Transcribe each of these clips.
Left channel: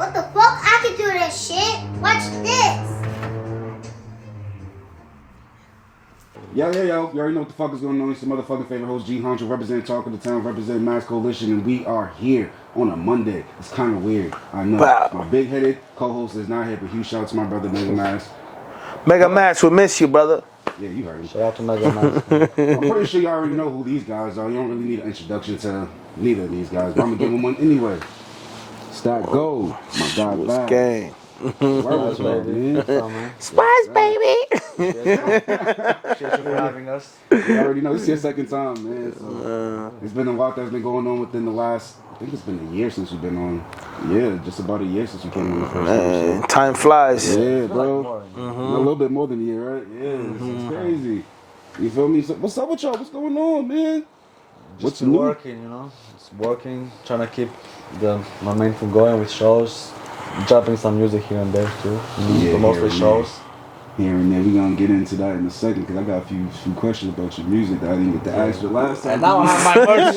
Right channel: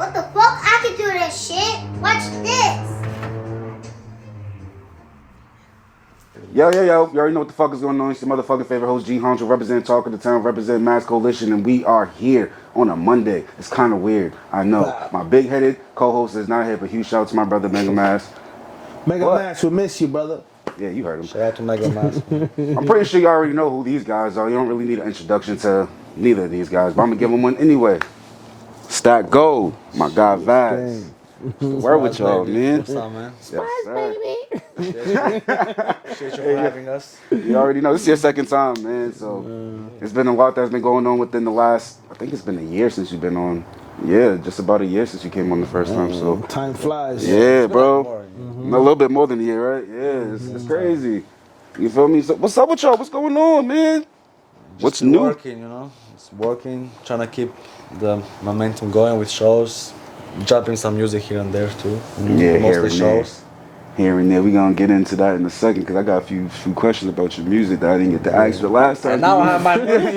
What the fuck? I can do this shit. Watch this. Yo. You already know what the fuck is going on. It's your motherfucking favorite host, G Honcho, represent Talk of the Town, represent Mass Coalition, and we are here on a Monday. It's kind of weird. I know. My big-headed co-host is not here, but huge shout out to my brother, Mega Mass. Mega Mass, we miss you, brother. Yeah, you heard him. Shout out to Mega Mass. I'm pretty sure you already know who these guys are. You don't really need an introduction to neither of these guys, but I'm going to give them one anyway. StackGold, my guy, Vasjan. Where with y'all, man? Spice, baby. Shit for having us. You already know. This is your second time, man. So it's been a lot that's been going on within the last, I think it's been a year since you've been on. Yeah, just about a year since you came on the first time. So Time flies. yeah, bro. Like A little bit more than a year, right? Yeah, it's crazy. You feel me? So what's up with y'all? What's going on, man? What's new? Working, you know. It's working. Trying to keep the momentum going with shows. Dropping some music here and there too. Yeah, mostly here shows. Here and there. We're going to get into that in a second because I got a few questions about your music that I didn't get to ask you last time. And now I have my merch.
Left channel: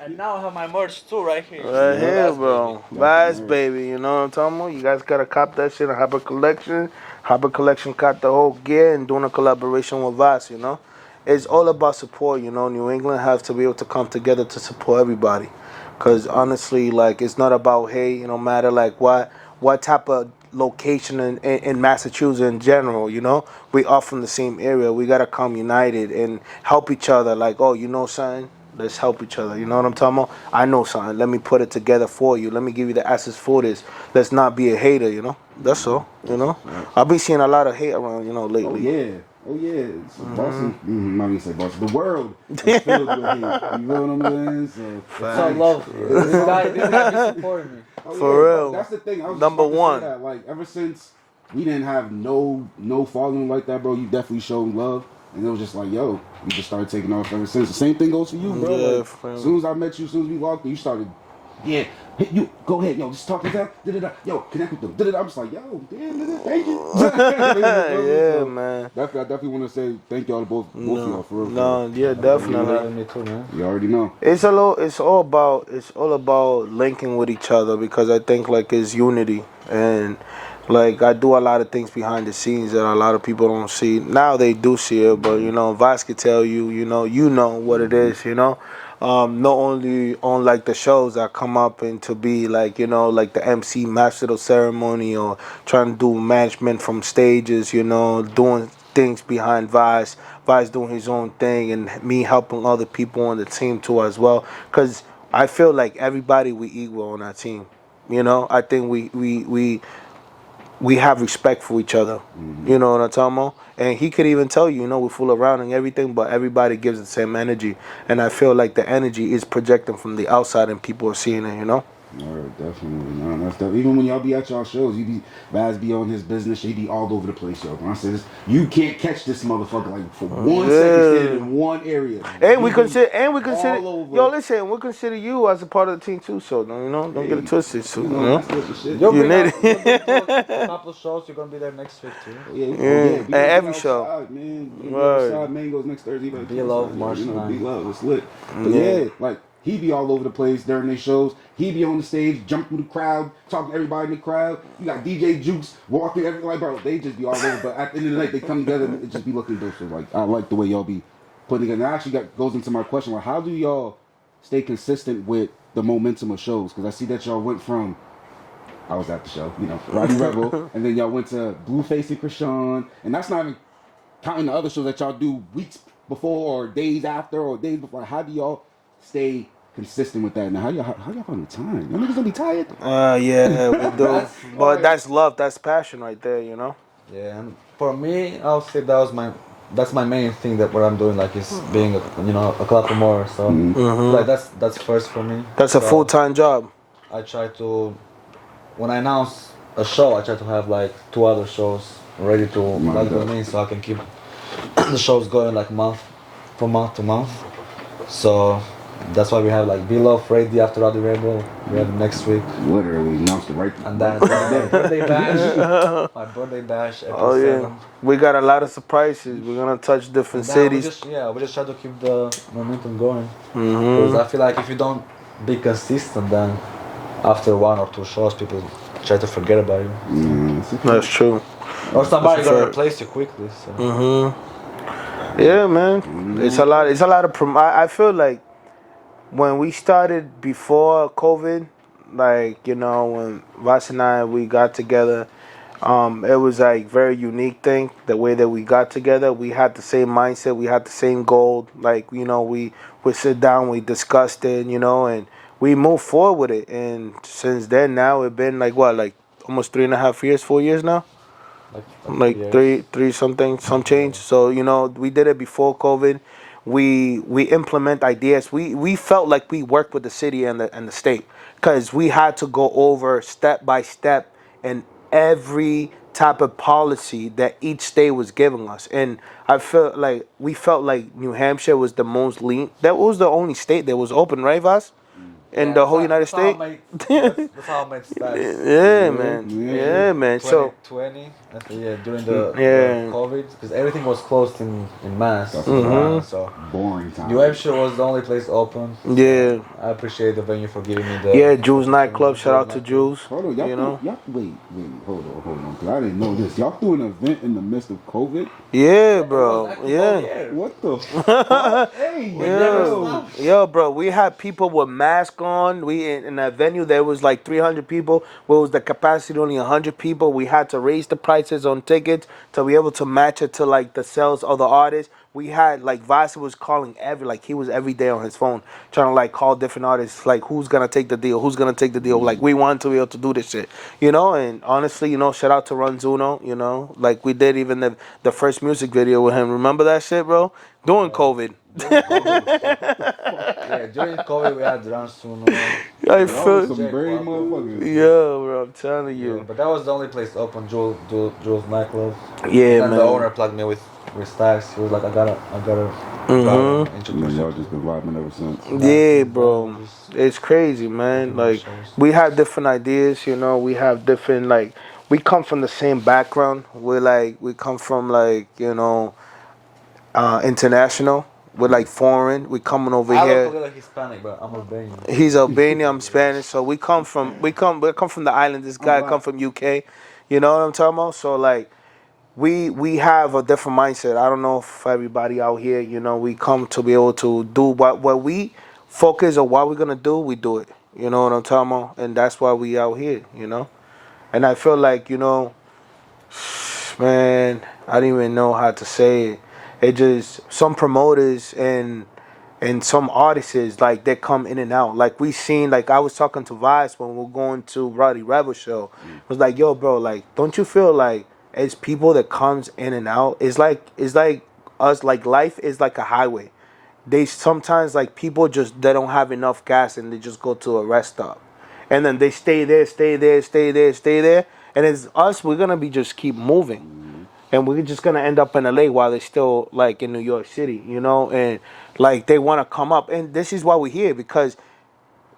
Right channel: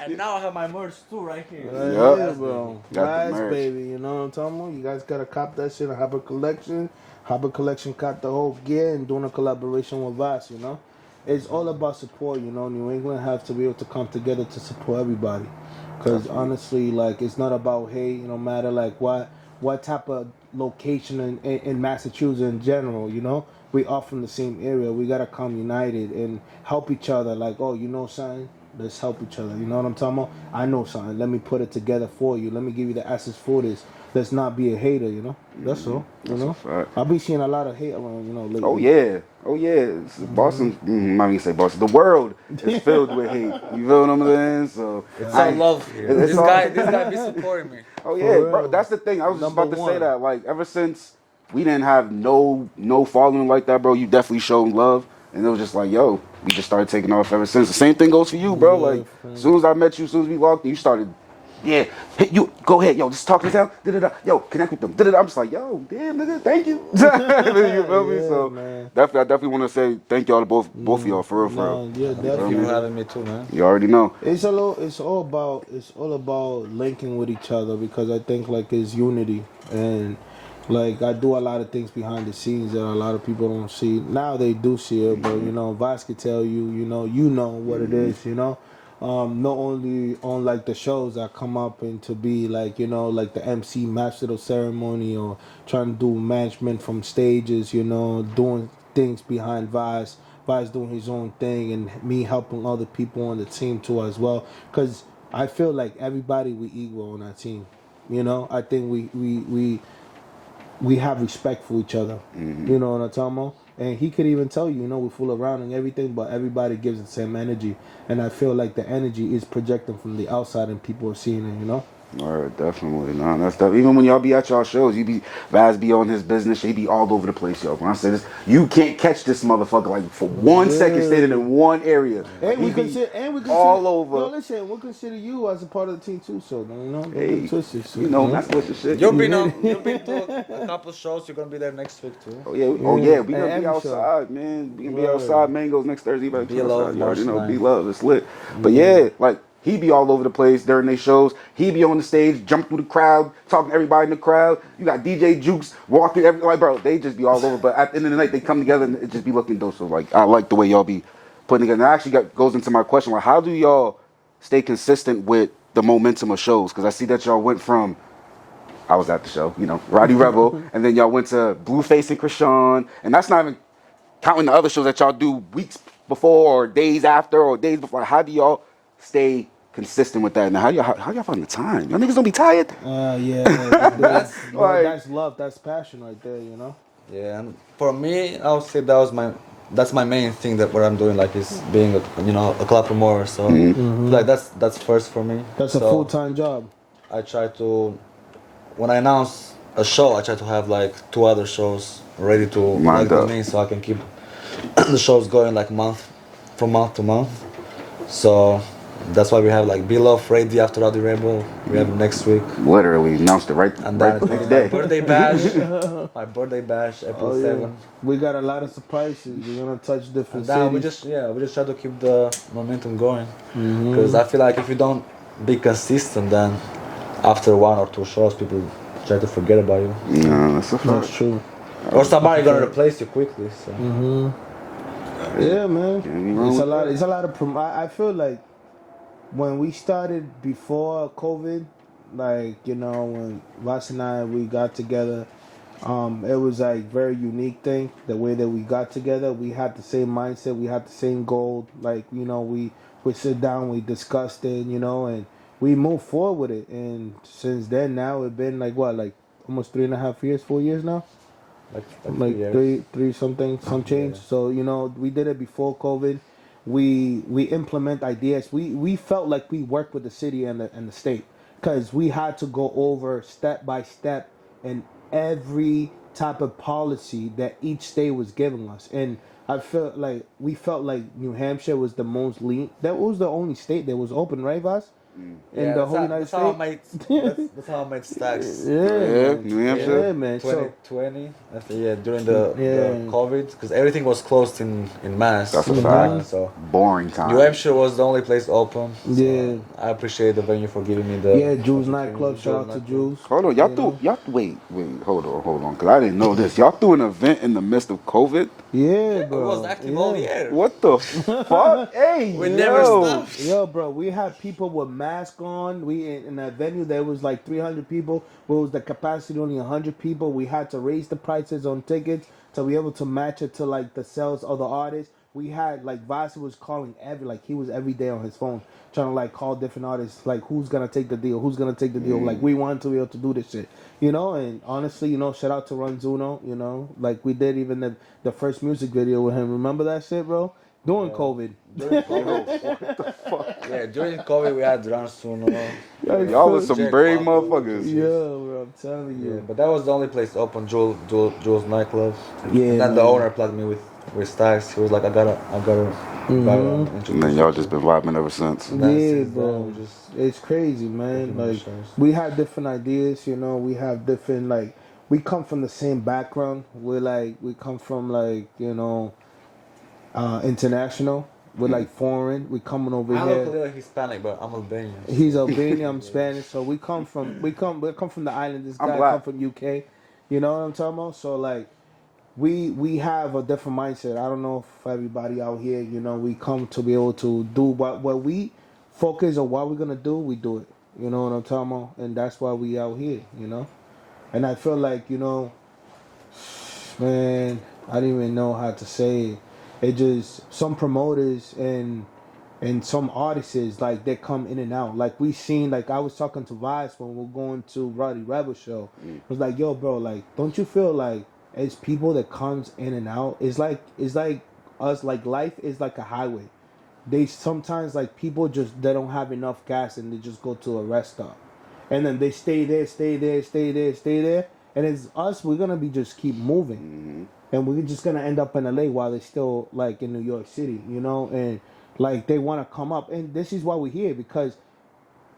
And now I have my merch too, right here. Right here, bro. Got the Vibes, merch. baby. You know what I'm talking about? You guys gotta cop that shit. Harbor Collection. Harbor Collection got the whole gear and doing a collaboration with Vas, you know? It's all about support, you know? New England has to be able to come together to support everybody. Because honestly, like, it's not about hate, no matter like what type of location in Massachusetts in general, you know? We all from the same area. We gotta come united and help each other. Like, oh, you know something? Let's help each other. You know what I'm talking about? I know something. Let me put it together for you. Let me give you the assets for this. Let's not be a hater, you know? That's all, you know? Right. I've been seeing a lot of hate around, you know, lately. Oh yeah. It's Boston. Might even say Boston. The world is filled with hate. You feel what I'm saying? So It's all love. This guy be supporting me. oh yeah, For bro, real. that's the thing. I was just Number about to one. say that. Like ever since we didn't have no following like that, bro. You definitely showed love, and it was just like, yo, we just started taking off ever since. The same thing goes for you, bro. Yeah, like fam. as soon as I met you, as soon as we walked in, you started. Yeah, hey, you go ahead, yo. Just talk to them. Da-da-da. Yo, connect with them. Da-da-da. I'm just like, yo, damn, nigga, thank you. You feel me? Yeah, So, man. I definitely want to say thank y'all to both of y'all for real. No, yeah, Thank you definitely. for having me too, man. You already know. It's all about linking with each other because I think like it's unity and like I do a lot of things behind the scenes that a lot of people don't see. Now they do see it, but you know, Vas could tell you, you know what it is, you know. Not only on like the shows that come up and to be like, you know, like the MC master of ceremony or trying to do management from stages, you know, doing things behind Vas doing his own thing and me helping other people on the team too as well. Cause I feel like everybody we equal on our team. You know, I think we have respect for each other. You know what I'm talking about? And he could even tell you, you know, we fool around and everything, but everybody gives the same energy. And I feel like the energy is projecting from the outside and people are seeing it, you know? Alright, definitely. No, that's stuff. Even when y'all be at y'all shows, Vaz be on his business, he be all over the place, yo. When I say this, you can't catch this motherfucker like for 1 second standing in one area. And we He consider all over. Yo, listen, we consider you as a part of the team too, so don't get it twisted. So, You know, that's what the shit. You'll You be need to a couple shows. You're gonna be there next week too. Oh yeah, we And gonna every be show. outside, man. We gonna be Right. outside. Mangoes next Thursday. You better Be keep love, outside, you already know. March Be 9th. love, it's lit. But yeah, like he be all over the place during their shows. He be on the stage, jump through the crowd, talking to everybody in the crowd. You got DJ Jukes walking every like, bro. They just be all over. But at the end of the night, they come together and it just be looking dope. So like, I like the way y'all be putting together. And that actually goes into my question: like, how do y'all stay consistent with the momentum of shows? Because I see that y'all went from I was at the show, you know, Roddy Rebel, and then y'all went to Blueface and Krishan, and that's not even counting the other shows that y'all do weeks before or days after or days before. How do y'all stay consistent with that? And how y'all find the time? Y'all niggas don't be tired? yeah, we do. That's But like- that's love, that's passion right there, you know? Yeah, and for me, I would say that's my main thing that what I'm doing, like, is being a club promoter. So like that's first for me. That's a So full-time job. I try to, when I announce a show, I try to have like 2 other shows ready to Lined like up. me, so I can keep the shows going like month to month. So that's why we have like Be Love ready after Roddy Rebel. We have it next week. Literally announced it right, And right then the my day. birthday bash. My birthday bash, April Oh, yeah. 7th. We got a lot of surprises. We're going to touch different And then we cities. just try to keep the momentum going. Because I feel like if you don't be consistent, then after 1 or 2 shows, people try to forget about you. Nah, that's a fact. That's true. Or somebody That's a gonna fact. replace you quickly. So. Yeah, man. know, It's a lot. It's a lot of. I feel like when we started before COVID, like when Vas and I we got together, it was like very unique thing. The way that we got together, we had the same mindset, we had the same goal. Like we would sit down, we discussed it, and we moved forward with it. And since then, now it's been like what, like almost 3.5 years, 4 years now. Like years. three something, some change. So we did it before COVID. We implement ideas. We felt like we worked with the city and the state because we had to go over step by step and every type of policy that each state was giving us. And I felt like we felt like New Hampshire was the most lean. That was the only state that was open, right, Vas? In the whole United States. That's how I made stacks. Yeah, man. New Hampshire. Yeah, man. So 2020, during the Yeah. COVID, because everything was closed in Mass. That's for a that, so boring time. New Hampshire was the only place open. So Yeah. I appreciate the venue for giving me the. yeah, Jules nightclub. Shout out to nightclub. Jules. Hold on, wait, hold on, because I didn't know this. Y'all threw an event in the midst of COVID? Yeah, It bro. was active all Yeah. year. What the fuck? Hey, We never Yo, stopped. yo, bro, we had people with masks on. We in a venue there was like 300 people. Where was the capacity only 100 people? We had to raise the prices on tickets to be able to match it to like the sales of the artists. We had like Vasa was calling he was every day on his phone trying to like call different artists like who's gonna take the deal, who's gonna take the deal. Like we wanted to be able to do this shit, And honestly, shout out to Ranzuno, like we did even the first music video with him. Remember that shit, bro? During COVID. Yeah, during COVID we had Run Soon. I y'all was feel, some brave motherfuckers. yeah, bro, I'm telling Yeah, you. but that was the only place open, Jules nightclub. Yeah, And then man. the owner plugged me with stacks. He was like, I gotta And then y'all just been vibing ever since. Yeah, bro. It's crazy, man. Like we have different ideas, we have different we come from the same background. We come from international. We're like foreign. We coming over I here. look a little Hispanic, but I'm Albanian. He's Albanian, I'm Spanish. So we come from the island. This guy black. come from UK. You know what I'm talking about? So we have a different mindset. I don't know if everybody out here, we come to be able to do what we focus on what we're gonna do, we do it. You know what I'm talking about? And that's why we out here, And I feel like, man, I don't even know how to say it. It just some promoters and some artists they come in and out. Like we seen I was talking to Vice when we were going to Roddy Rebel show. I was like, yo, bro, don't you feel like it's people that comes in and out? It's like us, life is like a highway. They sometimes people they don't have enough gas and they just go to a rest stop. And then they stay there. And it's us, we're gonna be just keep moving. And we're just gonna end up in LA while they're still in New York City, and they wanna come up. And this is why we're here, because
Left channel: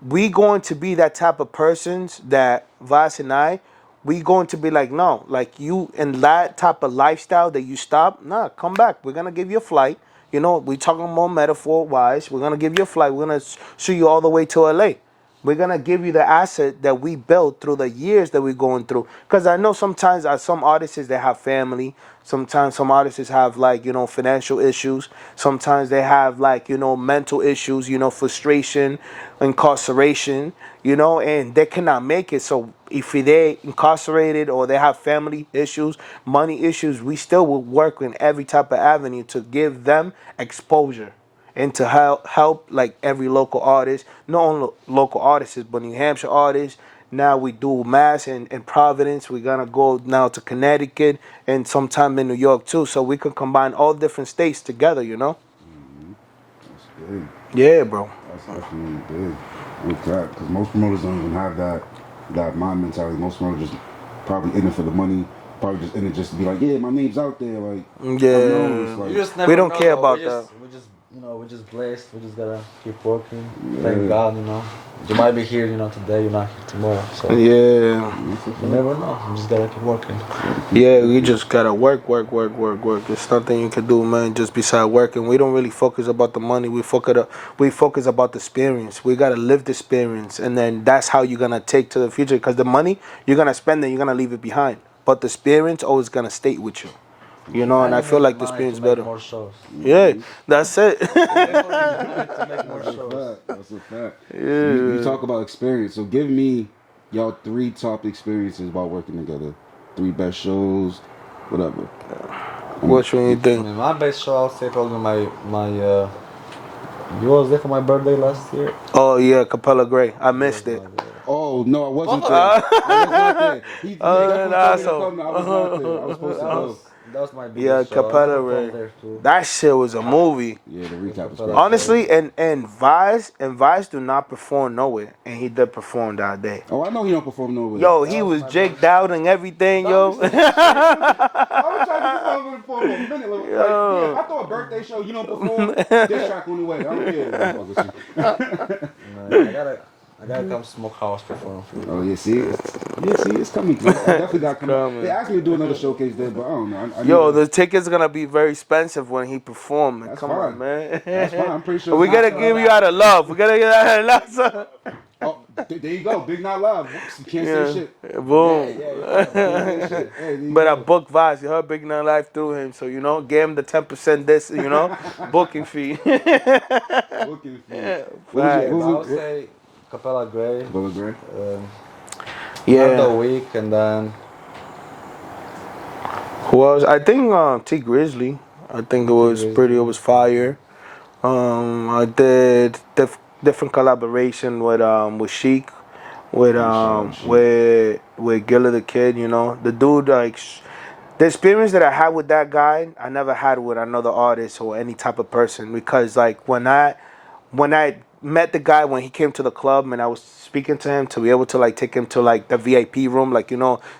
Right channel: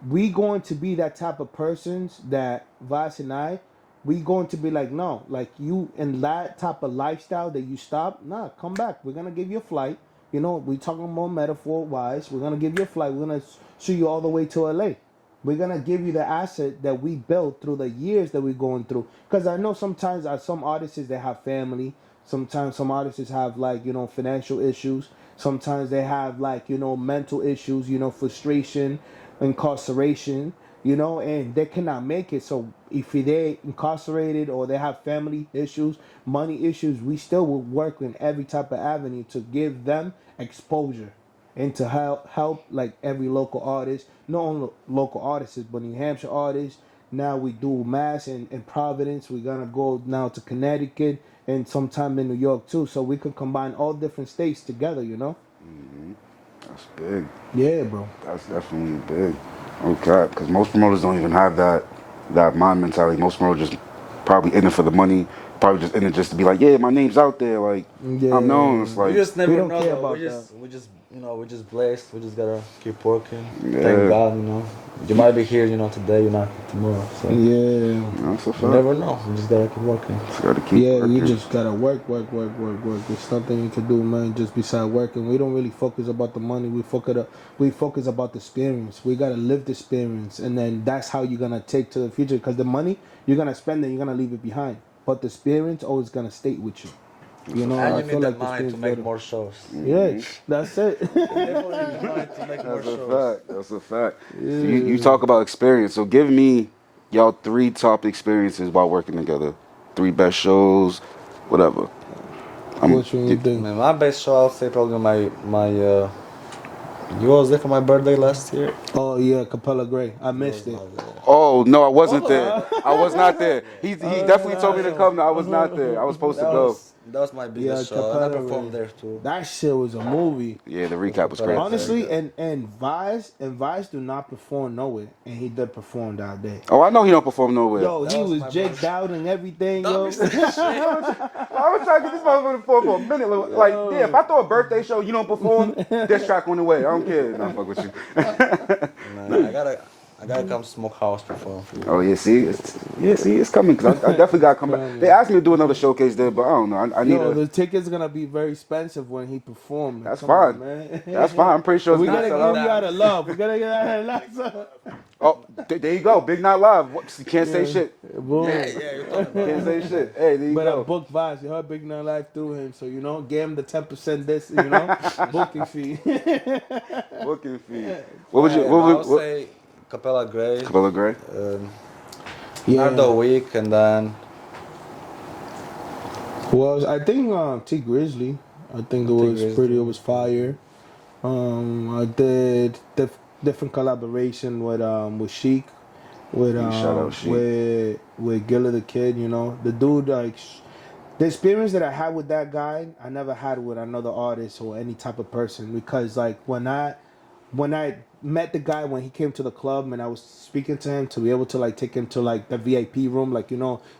we going to be that type of persons that Vas and I, we going to be no, you in that type of lifestyle that you stop, nah, come back. We're gonna give you a flight. We talking more metaphor wise. We're gonna give you a flight. We're gonna shoot you all the way to LA. We're gonna give you the asset that we built through the years that we're going through. Because I know sometimes some artists they have family. Sometimes some artists have financial issues. Sometimes they have mental issues. Frustration, incarceration. And they cannot make it. So if they're incarcerated or they have family issues, money issues, we still will work in every type of avenue to give them exposure. And to help every local artist, not only local artists, but New Hampshire artists. Now we do Mass and Providence. We're gonna go now to Connecticut and sometime in New York too. So we can combine all different states together, That's big. Yeah, bro. That's definitely big. Okay, because most promoters don't even have that mind mentality. Most promoters just probably in it for the money, probably just in it just to be like, yeah, my name's out there, like Yeah. I'm known. It's We like just never We don't know, care though. about We just, we just blessed. We just gotta keep working. Yeah. Thank God, You might be here, today. You're not here tomorrow. So Yeah. that's a fact. you never know. You just gotta keep working. Gotta keep Yeah, working. you just gotta work. There's nothing you can do, man. Just beside working, we don't really focus about the money. We focus about the experience. We gotta live the experience, and then that's how you're gonna take to the future. Because the money you're gonna spend, and you're gonna leave it behind. But the experience always gonna stay with you. And I you feel need like that the money experience to make better. more shows. Yeah, that's it. To make more That's a shows. fact. That's a fact. So you talk about experience. So give me y'all 3 top experiences while working together. 3 best shows, whatever. Which one you think? My best show, I'll say probably my you was there for my birthday last year. Oh yeah, Capella Gray. I missed it. Oh no, I wasn't there. I was not there. He definitely told me to come. I was not there. I was supposed to go. That was my biggest show. Capella I performed Ray. there too. That shit was a movie. Yeah, the recap was great. Honestly, and Vice do not perform nowhere, and he did perform that day. Oh, I know he don't perform nowhere. Yo, That he was was my Jake Dowd and everything, yo. I was trying to get this motherfucker to perform for a minute. Like, yeah, if I throw a birthday show, you don't perform, this track on the way. I don't care. I don't fuck with you. Man, I gotta come Smokehouse perform for you. Oh yeah, see, it's coming. 'Cause I definitely got to come back. They asked me to do another showcase there, but I don't know. I Yo, need the ticket's gonna be very expensive when he performs. That's Come fine. on, man. That's fine. I'm pretty sure. We it's gotta not give sold you out. out of love. We gotta get out of love. So. Oh, there you go. Big Not Live. You can't say shit. Boom. Can't say shit. Hey, there you But I go. booked Vice. You heard Big Nine Life through him, so gave him the 10% this, booking fee. Booking fee. What would you? I'll What? say Capella Gray. Capella Gray. Not the week, and then Who else? I think T Grizzly. I think it was Grizzly. pretty. It was fire. I did different collaboration with Sheik, with Shout out Sheik. with Gilla the Kid. The dude like. The experience that I had with that guy, I never had with another artist or any type of person, because like when I met the guy when he came to the club and I was speaking to him to be able to like take him to like the VIP room, like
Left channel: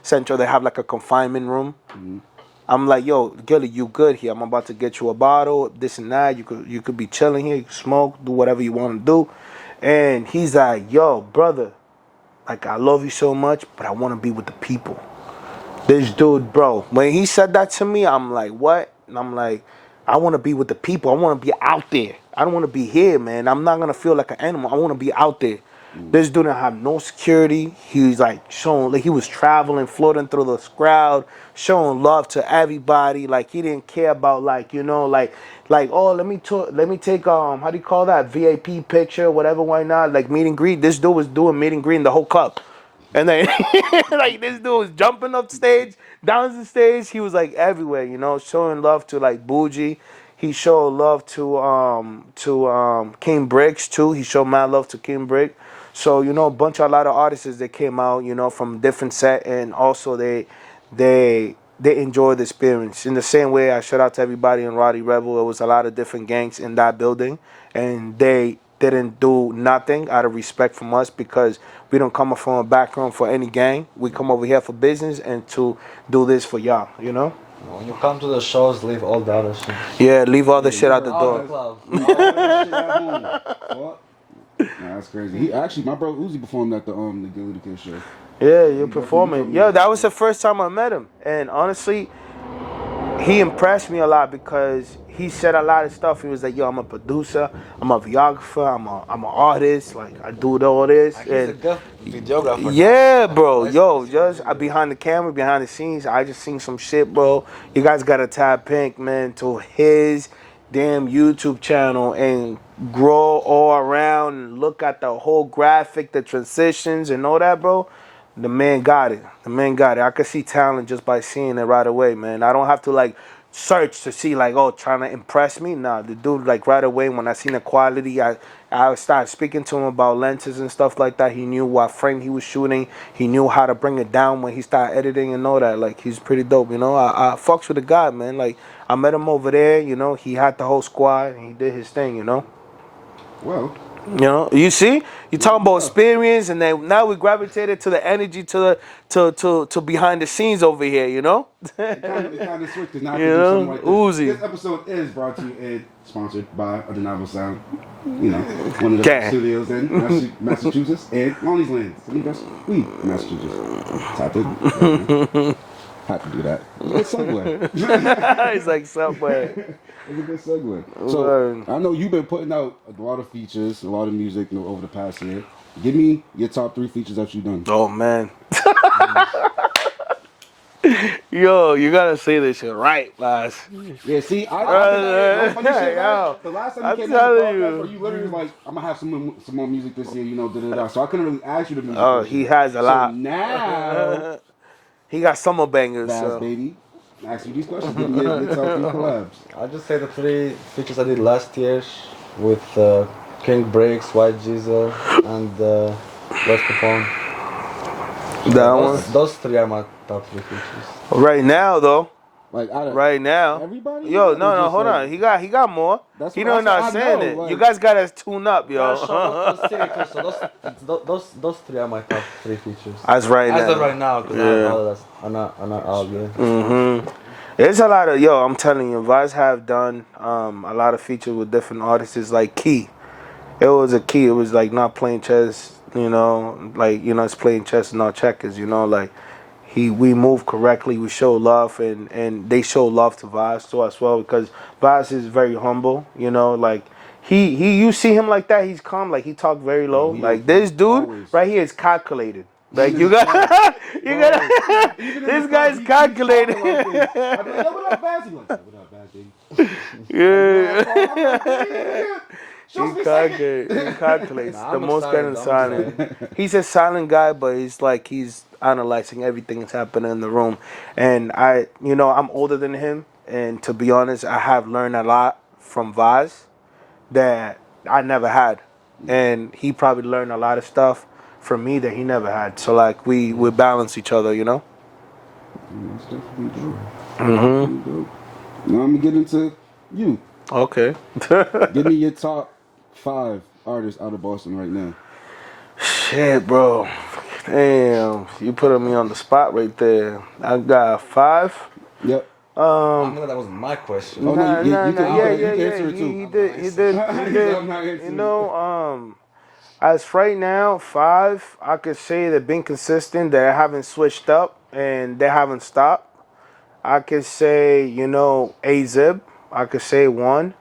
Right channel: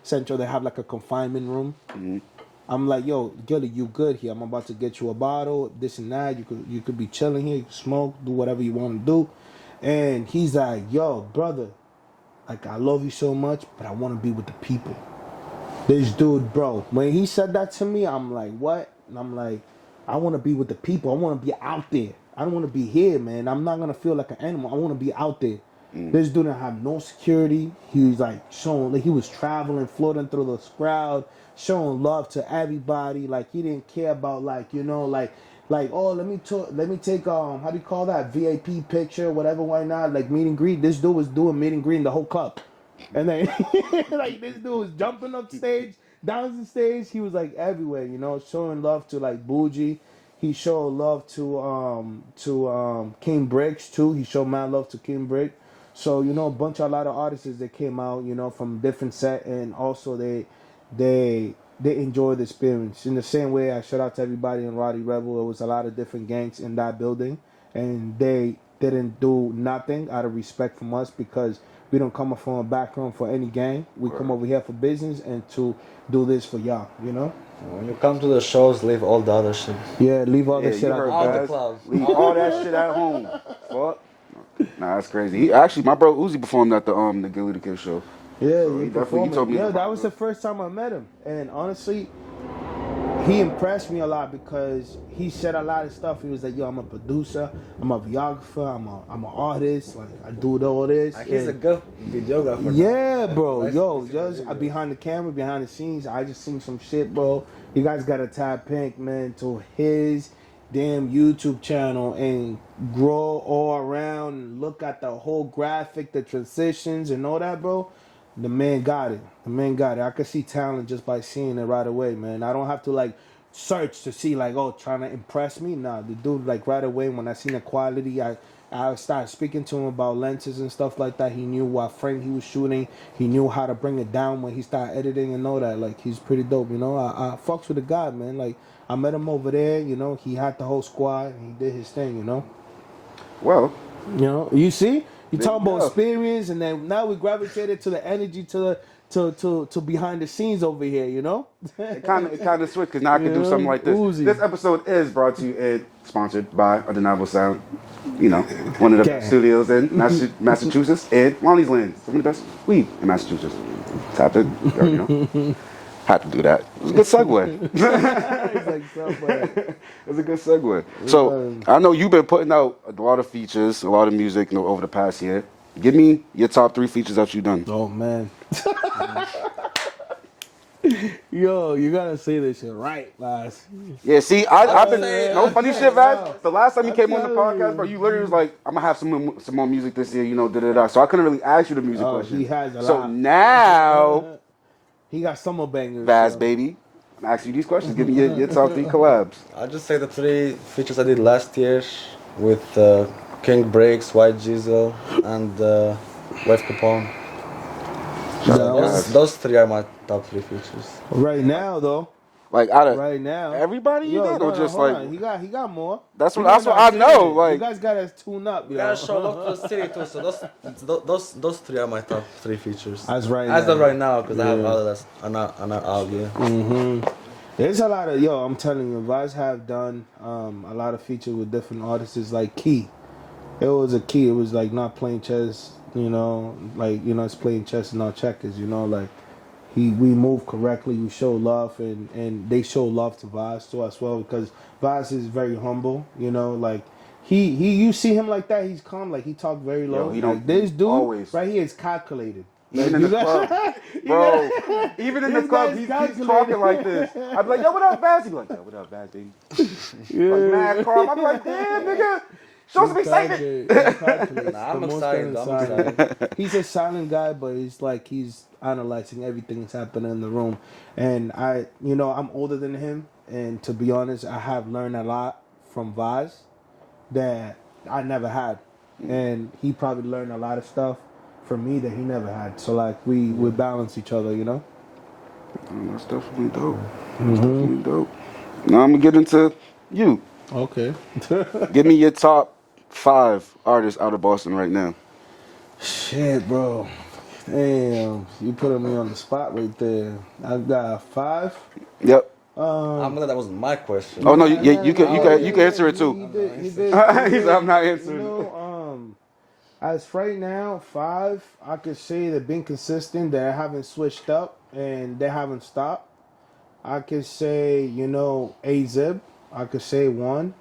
Central, they have like a confinement room. Mm-hmm. I'm like, yo, Gilly, you good here? I'm about to get you a bottle, this and that. You could be chilling here, you can smoke, do whatever you want to do. And he's like, yo, brother, like I love you so much, but I want to be with the people. This dude, bro, when he said that to me, I'm like, what? And I'm like, I want to be with the people. I want to be out there. I don't want to be here, man. I'm not going to feel like an animal. I want to be out there. This dude didn't have no security. He was like showing, like he was traveling, floating through the crowd, showing love to everybody. Like he didn't care about like, oh, let me take how do you call that? VIP picture, whatever, why not? Like meet and greet. This dude was doing meet and greet in the whole club. And then, like, this dude was jumping up stage, down the stage. He was, like, everywhere, showing love to, like, Bougie. He showed love to King Bricks, too. He showed mad love to King Brick. So, a lot of artists that came out, from different set. And also, they enjoyed the experience. In the same way, I shout out to everybody in Roddy Rebel. It was a lot of different gangs in that building. And they didn't do nothing out of respect from us, because we don't come from a background for any gang. We come over here for business and to do this for y'all, when you come to the shows, leave all the other shit. Yeah, leave all the shit out the All door. the club. All that shit at home. Fuck. Nah, that's crazy. He actually, my bro Uzi performed at the Gilly the Kid show. Yeah, you're told performing. me Yeah, that. that was the first time I met him. And honestly, he impressed me a lot, because he said a lot of stuff. He was like, yo, I'm a producer, I'm a videographer, I'm an artist, like I do all this. Like, he's a good videographer. Yeah, bro. Yo, just behind the camera, behind the scenes, I just seen some shit, bro. You guys gotta tap Pink, man, to his damn YouTube channel and grow all around and look at the whole graphic, the transitions and all that, bro. The man got it. I could see talent just by seeing it right away, man. I don't have to like search to see like, oh, trying to impress me. Nah, the dude like right away when I seen the quality, I started speaking to him about lenses and stuff like that. He knew what frame he was shooting. He knew how to bring it down when he started editing and all that. Like he's pretty dope, I fucks with the guy, man. Like I met him over there, he had the whole squad and he did his thing, Well, You know, you see, you talking about experience, and then now we gravitated to the energy to behind the scenes over here. You know, It kind of switched because now I You can do know? something like this. Uzi. This episode is brought to you and sponsored by Undeniable Sound. You know, one of the Damn. best studios in Massachusetts and Lonnie's Land. Some of the best weed in Massachusetts. Tap it. Had to do that. It was a good segue. it's like somewhere. It was a good segue. So I know you've been putting out a lot of features, a lot of music, over the past year. Give me your top 3 features that you've done. Oh man. Yo, you gotta say this shit right, Laz. Yeah, see, I've been no funny shit, man. yo. The last time you I'm came on the telling podcast, you. bro, you literally was like, "I'm gonna have some more music this year," da. So I couldn't really ask you the music. Oh, question. he has a So lot. now, He got summer bangers. Baz, so. baby, I'm asking you these questions. Give me your top 3 collabs. I'll just say the 3 features I did last year with King Breaks, White Diesel, and West Capone. That one. Those 3 are my top 3 features. Right now, though. Like out of Right now. everybody. Yo, you no, know, no, just hold like- on. He got more. That's He what not I saying know. it. Like, You guys gotta tune up, yo. Yeah, show up to city too. So those 3 are my top 3 features. As right As now. of right now, because I have Yeah. all of that. I'm not out yet. There's a lot of I'm telling you, Vaz have done a lot of features with different artists. It's like Key. It was a Key. It was like not playing chess, it's playing chess and not checkers, like we move correctly, we show love and they show love to Vaz too as well because Vaz is very humble, like you see him like that, he's calm, like he talk very low. he Like don't- this dude always. right here is calculated. Like Even you in the got club. you Bro, got even in this the club, guy's he keeps calculated. talking like this. I'd be like, "Yo, what up, Baz?" He'd be like, "Yo, what up, Baz, baby?" Yeah. Mad calm. I'm like, "Damn, nigga, show some excitement." He calculates. Nah, the I'm most excited, kind of I'm silent. He's a silent guy, but he's like he's analyzing everything that's happening in the room. And I'm older than him, and to be honest, I have learned a lot from Vaz that I never had, and he probably learned a lot of stuff from me that he never had. So like we balance each other, That's definitely dope. Definitely dope. Now I'm gonna get into you. Okay. Give me your top 5 artists out of Boston right now. Shit, bro. Damn, you putting me on the spot right there. I got 5. Yep. I'm glad that wasn't my question. Oh, no, you can answer it too. He did. He said, "I'm not answering." As right now, 5, I could say they've been consistent. They haven't switched up and they haven't stopped. I could say, A-Zib. I could say 1.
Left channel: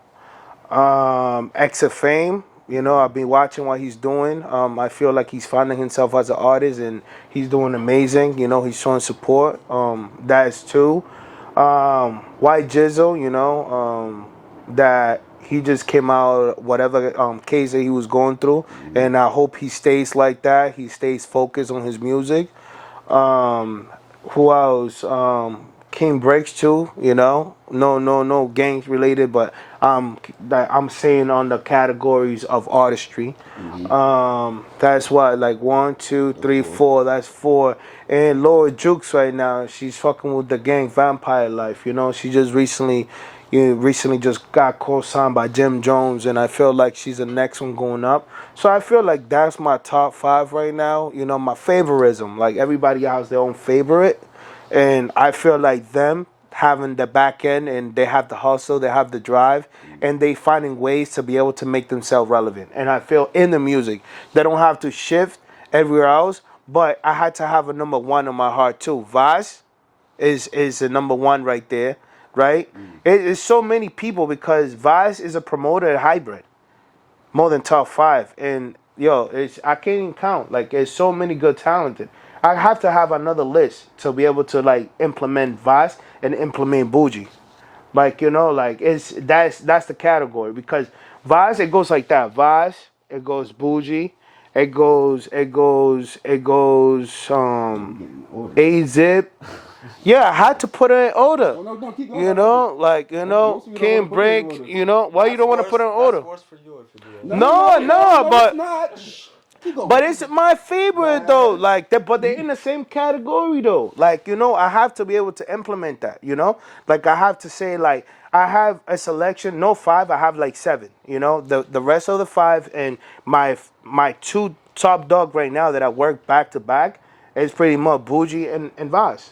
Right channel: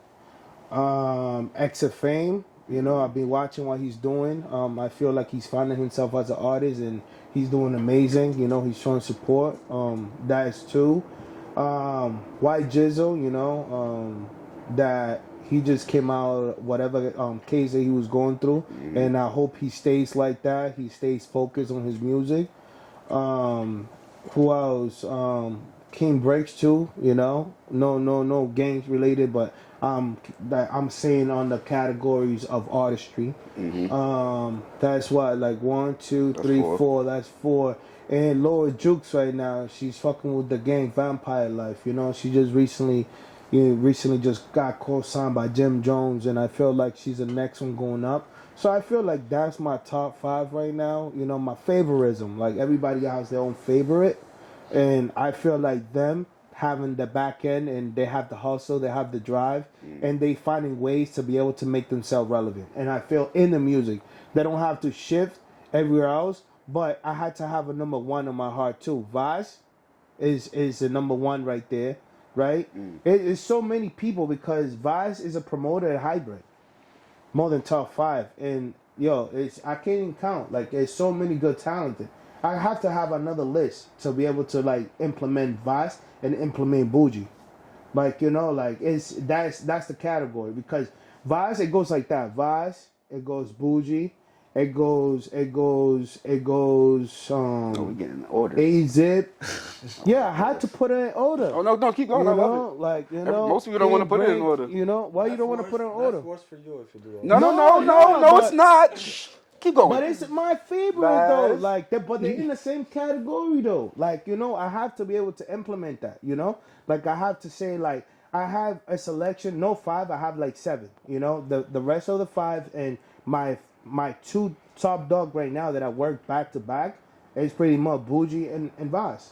X of Fame. I've been watching what he's doing. I feel like he's finding himself as an artist and he's doing amazing. He's showing support. That is 2. White Jizzle, that he just came out whatever case that he was going through, and I hope he stays like that. He stays focused on his music. Who else? King Breaks too. No gangs related, but I'm saying on the categories of artistry. That's what, like 1, 2, 3, 4. That's 4. And Laura Jukes right now, she's fucking with the gang Vampire Life. She just recently just got co-signed by Jim Jones, and I feel like she's the next one going up. So I feel like that's my top 5 right now. My favoritism, like everybody has their own favorite, and I feel like them having the back end and they have the hustle, they have the drive, and they finding ways to be able to make themselves relevant. And I feel in the music, they don't have to shift everywhere else, but I had to have a number 1 in my heart too. Vaz is the number 1 right there, right? It's so many people because Vaz is a promoter at hybrid, more than top 5. And I can't even count. Like, there's so many good talented. I have to have another list to be able to like implement Vaz and implement Bougie. Like, that's the category because Vaz, it goes like that. Vaz, it goes Bougie, it goes Getting order. A-Zip. Yeah, I had to put it in order. Oh no, keep going. Most people don't King wanna put it in Break, order. why you don't want to put it in order? That's worse for you if you do it. No, but- it's not. Shh. Keep going. But it's my favorite though. Like, but they're in the same category though. Like, I have to be able to implement that. Like, I have to say, like, I have a selection. No 5. I have like 7. You know, the rest of the 5 and my 2 top dog right now that I work back to back is pretty much Bougie and Vaz.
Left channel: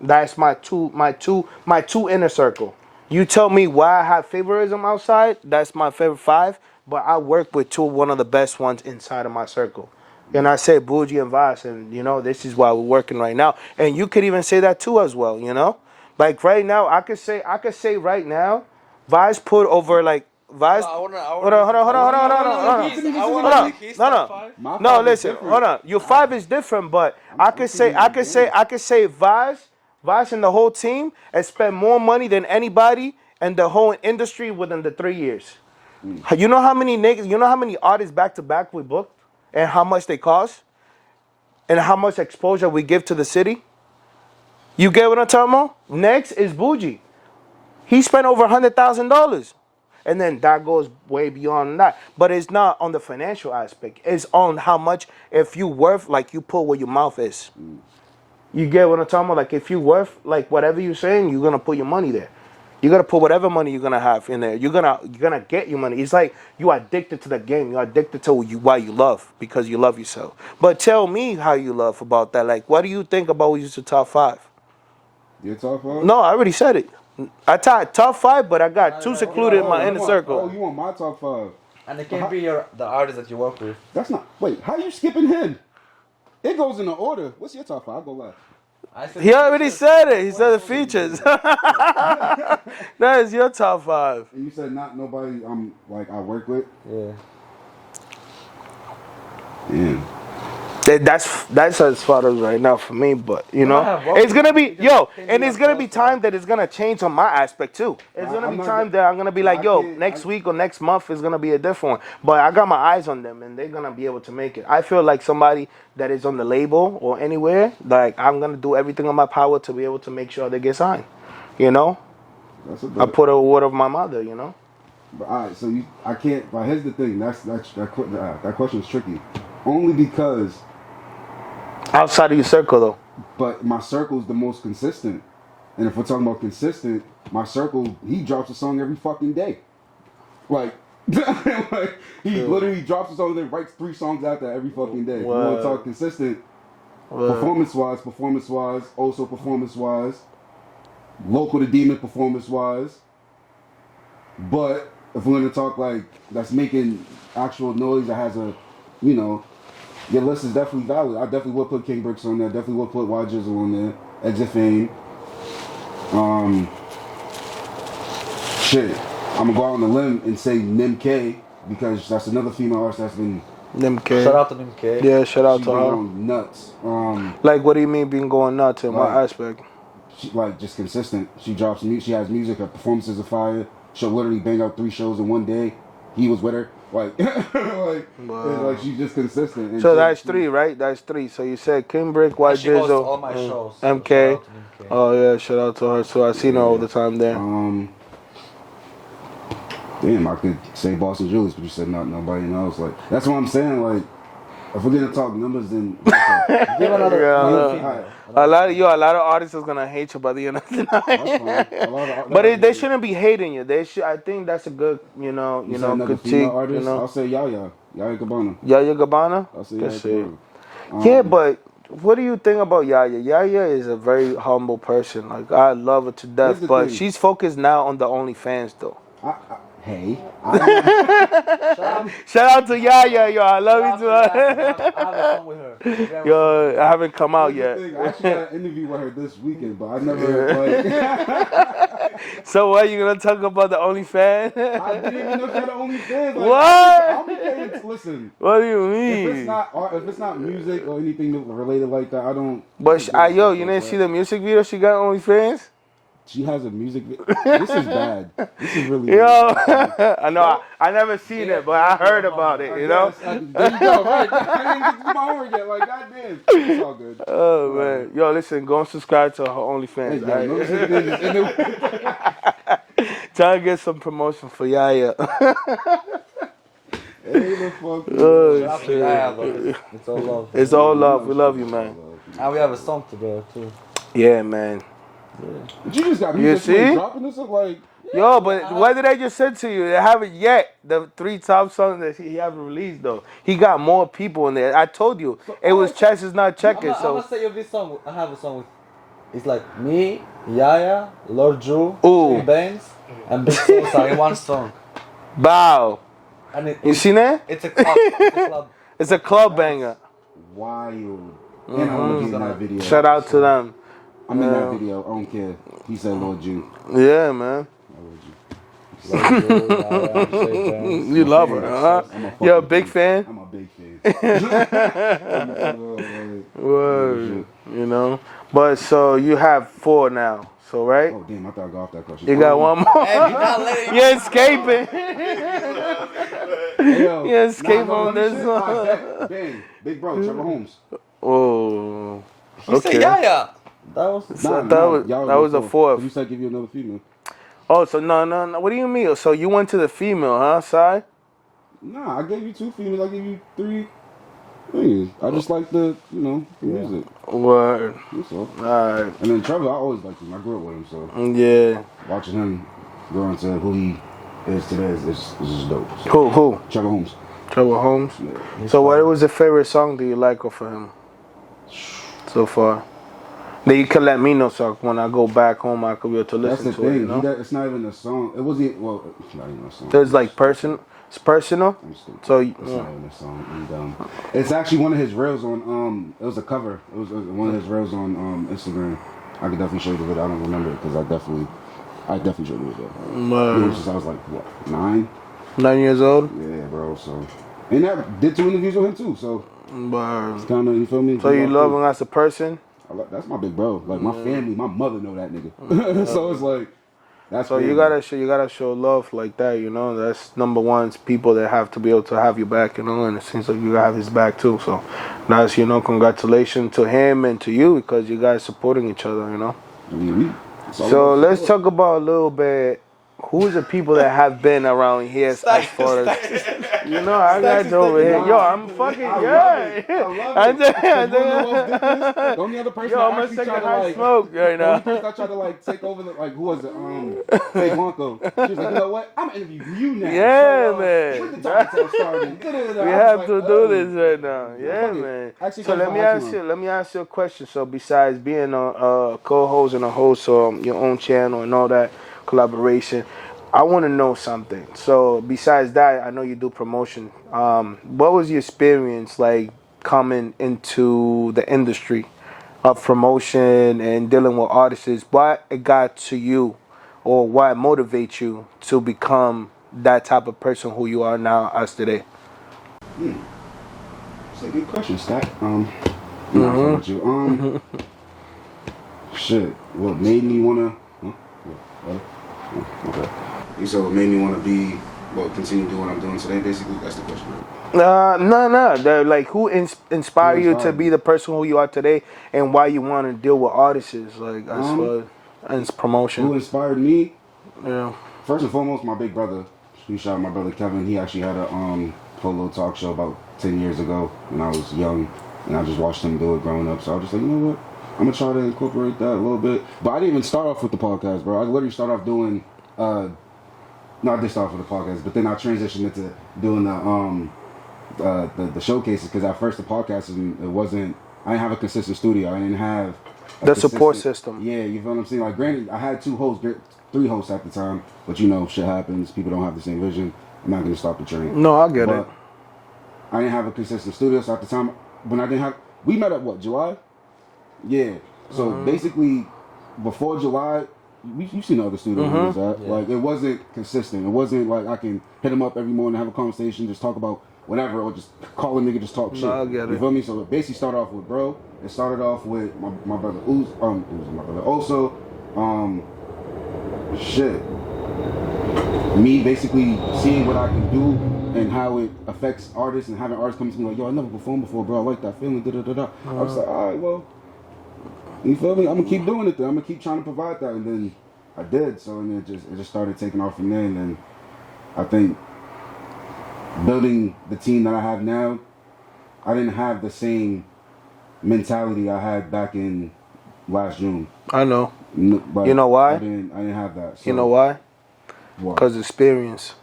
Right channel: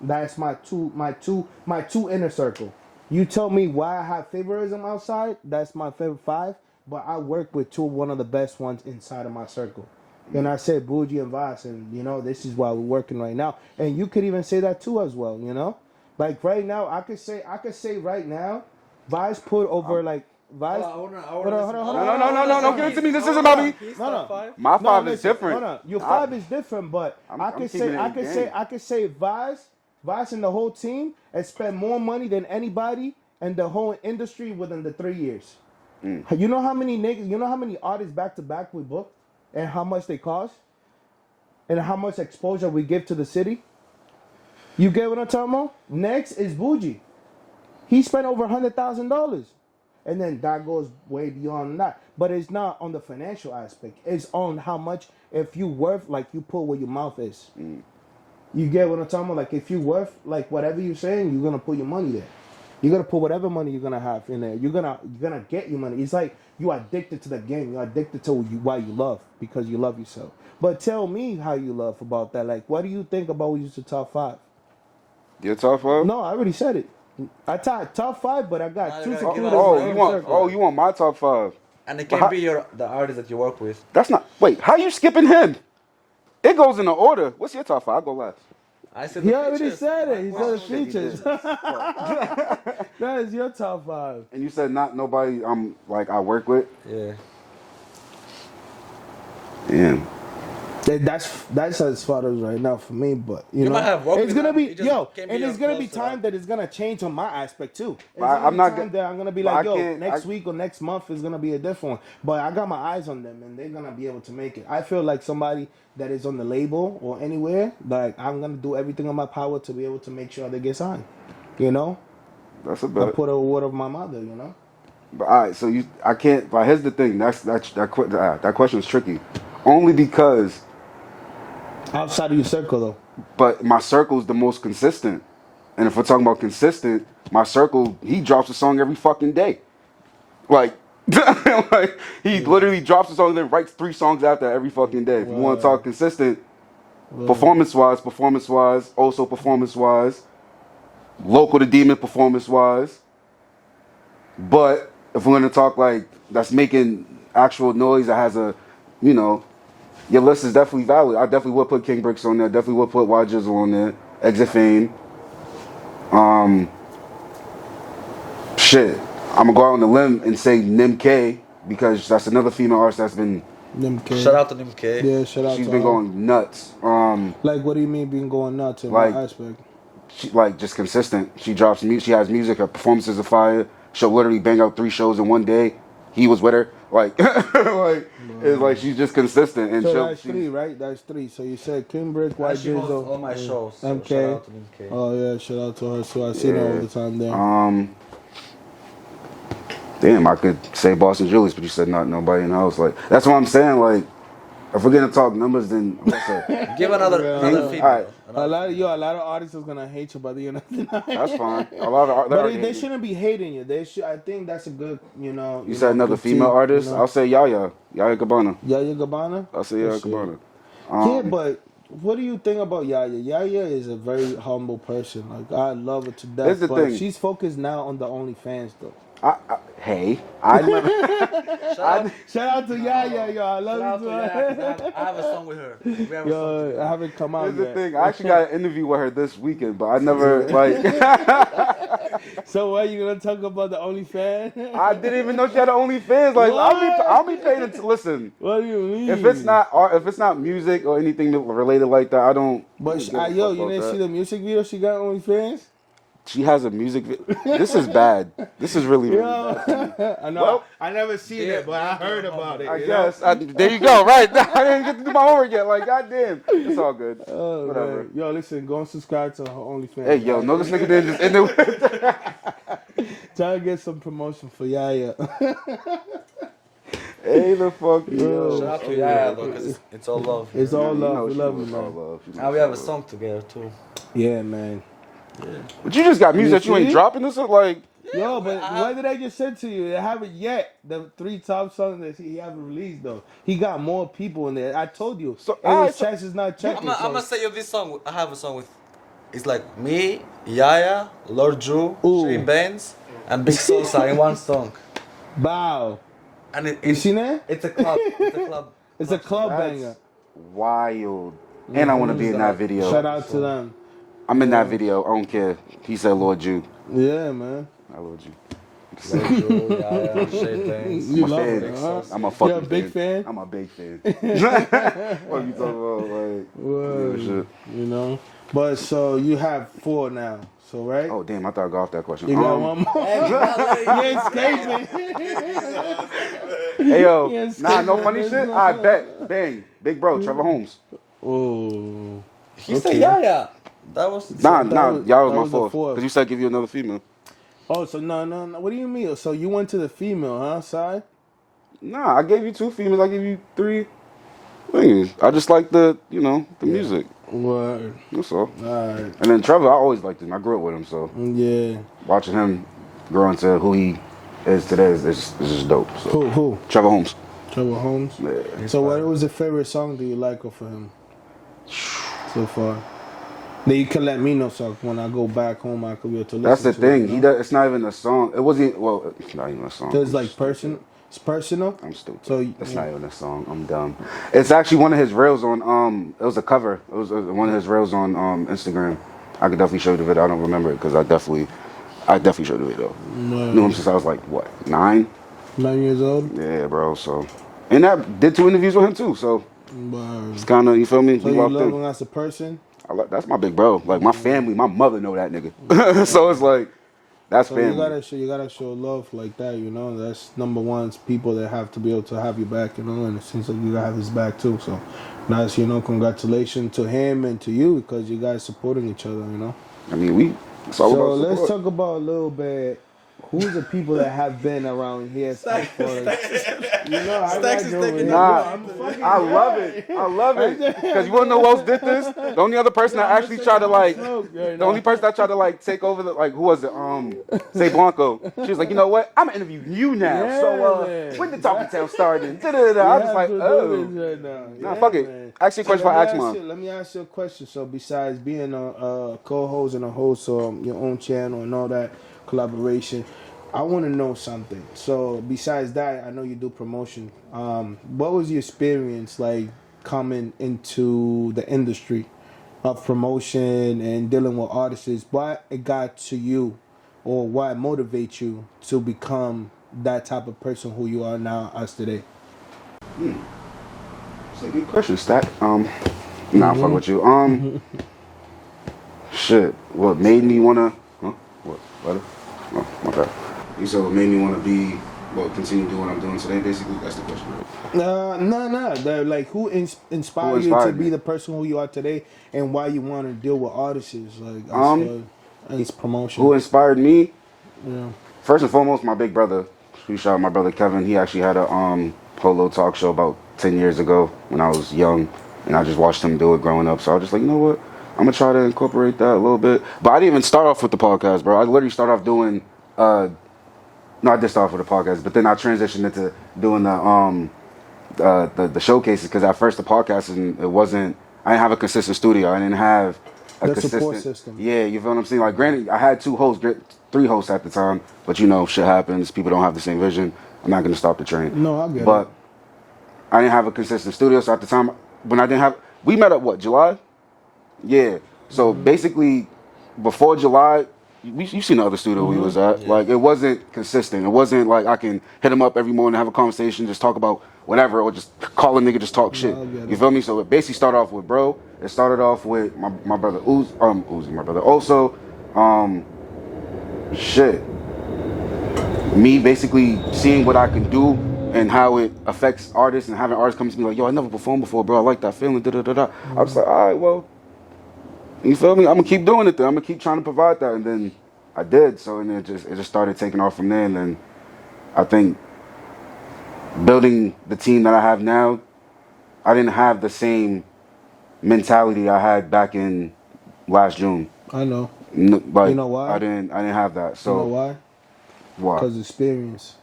That's my two inner circle. You tell me why I have favoritism outside. That's my favorite 5. But I work with one of the best ones inside of my circle. And I say Bougie and Vaz, and you know this is why we're working right now. And you could even say that too as well. You know, like right now I could say right now, Vaz put over like Vaz. Hold on. No, give it to me. This isn't about me. No. My 5 No, is listen, different. hold on. Your 5 is different, but I could say Vaz and the whole team has spent more money than anybody in the whole industry within the 3 years. You know how many niggas, you know how many artists back to back we booked, and how much they cost, and how much exposure we give to the city. You get what I'm talking about? Next is Bougie. He spent over $100,000. And then that goes way beyond that. But it's not on the financial aspect. It's on how much, if you worth, like you put where your mouth is. You get what I'm talking about? Like if you worth, like whatever you're saying, you're going to put your money there. You're going to put whatever money you're going to have in there. You're gonna get your money. It's like you are addicted to the game. You're addicted to why you love, because you love yourself. But tell me how you love about that. Like, what do you think about who's your top 5? Your top 5? No, I already said it. I tied top 5, but I got 2 secluded in my inner circle. Oh, you want my top 5? And it can be the artist that you work with. That's not. Wait, how you skipping him? It goes in the order. What's your top 5? I'll go last. He already said it. He said the features. That is your top 5. And you said not nobody I work with? Yeah. Yeah. That's as far as right now for me, but you know, it's gonna be it's gonna be time that it's gonna change on my aspect too. It's gonna be time that I'm gonna be like, next week or next month is gonna be a different one. But I got my eyes on them, and they're gonna be able to make it. I feel like somebody that is on the label or anywhere, like I'm gonna do everything in my power to be able to make sure they get signed. You know, that's a bet. I put a word of my mother. You know. But all right, so I can't. But here's the thing. That question is tricky, only because. Outside of your circle, though. But my circle is the most consistent. And if we're talking about consistent, my circle, he drops a song every fucking day. Like, he literally drops a song and then writes 3 songs after every fucking day. If you want to talk consistent, performance-wise, also performance-wise, local to demon performance-wise. But if we're going to talk like that's making actual noise that has a, you know, your list is definitely valid. I definitely would put King Bricks on there. Definitely would put Y Jizzle on there. Exit Fame. Shit. I'm gonna go out on the limb and say Nim K, because that's another female artist that's been. Nim K. Shout out to Nim K. Yeah, shout out She's to been her. going nuts. Like, what do you mean being going nuts in like, my aspect? She just consistent. She drops music. She has music. Her performances are fire. She'll literally bang out 3 shows in one day. He was with her. Like, it's like she's just consistent. And so that's 3, right? That's 3. So you said King Brick, Y Jizzle, all my shows. MK. So Oh yeah, shout out to her. So I seen her all the time there. Damn, I could say Boston Julius, but you said not nobody in the house. Like, that's what I'm saying. Like, if we're gonna talk numbers, then give another female. Right. A lot of artists is gonna hate you by the end of the night. That's fine. A lot of but they shouldn't be hating you. They should. I think that's a good, you said another female artist. You know? I'll say Yaya Gabbana. Yaya Gabbana. I'll say Yaya Gabbana. Yeah, but what do you think about Yaya? Yaya is a very humble person. Like, I love her to death, but she's focused now on the OnlyFans though. Hey, shout out to Yaya, yo. I love you too. I have a song with her. Yo, I haven't come out yet. I actually got an interview with her this weekend, but I never like. So what, you gonna talk about the OnlyFans? I didn't even know she had an OnlyFans. Like, what? I'll be paid to listen. What do you mean? If it's not music or anything related like that, I don't. But you didn't see the music video she got on OnlyFans? She has a music video. This is bad. This is really bad. I know. Well, I never seen it, but I heard about it. You know? There you go. Right. I didn't get to do my homework yet. Like, goddamn. It's all good. Oh, man. Yo, listen. Go and subscribe to her OnlyFans. Hey, yo. No, this nigga didn't. Try to get some promotion for Yaya. Hey, the fuck. Shout out to Yaya, though. It's all love. It's all love. We love you, man. And we have a song together, too. Yeah, man. But you just got music that you ain't see? dropping this like. Yo, but what did I just say to you? They haven't yet. The 3 top songs that he haven't released though. He got more people in there. I told you. So, It was alright, so- chances not I'm checking. gonna say you this song. I have a song with. It's like me, Yaya, Lord Drew, Ooh. Shane Baines, and Big Sosa in one song. Bow. And You seen that? it's a club. It's a club. It's a club That's banger. Wild. And I want to be in that video. Shout out to them. I'm in that video. I don't care. He said Lord Jew. Yeah, man. I Lord Jew. Lord Drew, Yaya, Shane Baines. You love fan. her, huh? I'm a fucking You're a big fan? I'm a big fan. What you talking about, like, Word. You know? But so you have 4 now. So, right? Oh damn! I thought I got off that question. You got one more. Hey, you're not letting You're escaping. Hey yo, Yeah, escape no on funny this shit. one. I bet, bang, big bro, Trevor Holmes. Oh. He said Yaya. That was. Nah, y'all that was the fourth. Cause you said give you another female. Oh, so no. What do you mean? So you went to the female, huh, Si? Nah, I gave you 2 females. I gave you 3 things. I just like the music. Word. That's all. Alright. And then Trevor, I always liked him. I grew up with him, so Yeah. watching him grow into who he is today is just dope. So. Who? Trevor Holmes. Trevor Holmes? Yeah. So what was the favorite song do you like off of him so far? Then you can let me know so when I go back home I could be able to listen That's the to thing. it. You know? It's not even a song. It wasn't. Well, it's not even a song. So it's like personal. It's personal? I'm stupid. So It's not even a song. I'm dumb. It's actually one of his reels on It was a cover. It was one of his reels on Instagram. I could definitely show you the video. I don't remember it because I definitely showed the video. You know him since I was like what 9? 9 years old? Yeah, bro. So and that did 2 interviews with him too. So Word. it's kind of you feel me. So you love him as a person? That's my big bro. Like my family, my mother know that nigga. So it's like that's So family. you gotta show love like that, you know. That's number one. It's people that have to be able to have you back, you know. And it seems like you have his back too. So that's congratulations to him and to you because you guys supporting each other, you know. I mean So let's talk about a little bit. Who's the people that have been around here as far as you know? I got you over here. Yo, I'm fucking. I love it. I love it. Because you wanna know what else did this? The only other person that actually tried to like, the only person that tried to like take over the who was it? Say Blanco. She was like, you know what? I'm gonna interview you now. Yeah, so, man. when the Talking Town started, We have to do this right now. Yeah, fuck it. man. Actually, So question let me ask you a question. So besides being a co-host and a host of your own channel and all that collaboration, I want to know something. So besides that, I know you do promotion. What was your experience like coming into the industry of promotion and dealing with artists? What it got to you, or what motivates you to become that type of person who you are now as today? It's a good question, Stack. Nah, fuck with you. Shit. What made me wanna? What? Oh, my bad. You said what made me wanna continue doing what I'm doing today. Basically, that's the question. No. Like, who inspired you to inspired be me? the person who you are today, and why you want to deal with artists, like as promotion? Who inspired me? Yeah. First and foremost, my big brother. Shout out my brother Kevin. He actually had a polo talk show about 10 years ago when I was young, and I just watched him do it growing up. So I was just like, you know what? I'm gonna try to incorporate that a little bit. But I didn't even start off with the podcast, bro. I literally started off doing. No, I did start off with the podcast, but then I transitioned into doing the showcases because at first the podcast it wasn't. I didn't have a consistent studio. I didn't have The support system. Yeah, you feel what I'm saying? Like, granted, I had 3 hosts at the time, but shit happens. People don't have the same vision. I'm not gonna stop the train. No, I get it. But I didn't have a consistent studio, so at the time when I didn't have, we met up July? Yeah. So basically, before July, you seen the other studio we was at. Yeah. Like, it wasn't consistent. It wasn't like I can hit him up every morning, have a conversation, just talk about whatever, or just call a nigga, just talk shit. I get You it. feel me? So it basically started off with bro. It started off with my brother Uzi, my brother. Also, me basically seeing what I can do and how it affects artists, and having artists come to me like, yo, I never performed before, bro. I like that feeling. I was like, all right, well, you feel me? I'm gonna keep doing it then. I'm gonna keep trying to provide that, and then I did. So and it just started taking off from there, and then I think building the team that I have now, I didn't have the same mentality I had back in last June. I know. Like, You know why? I didn't have that. So You know why? Why? Because experience.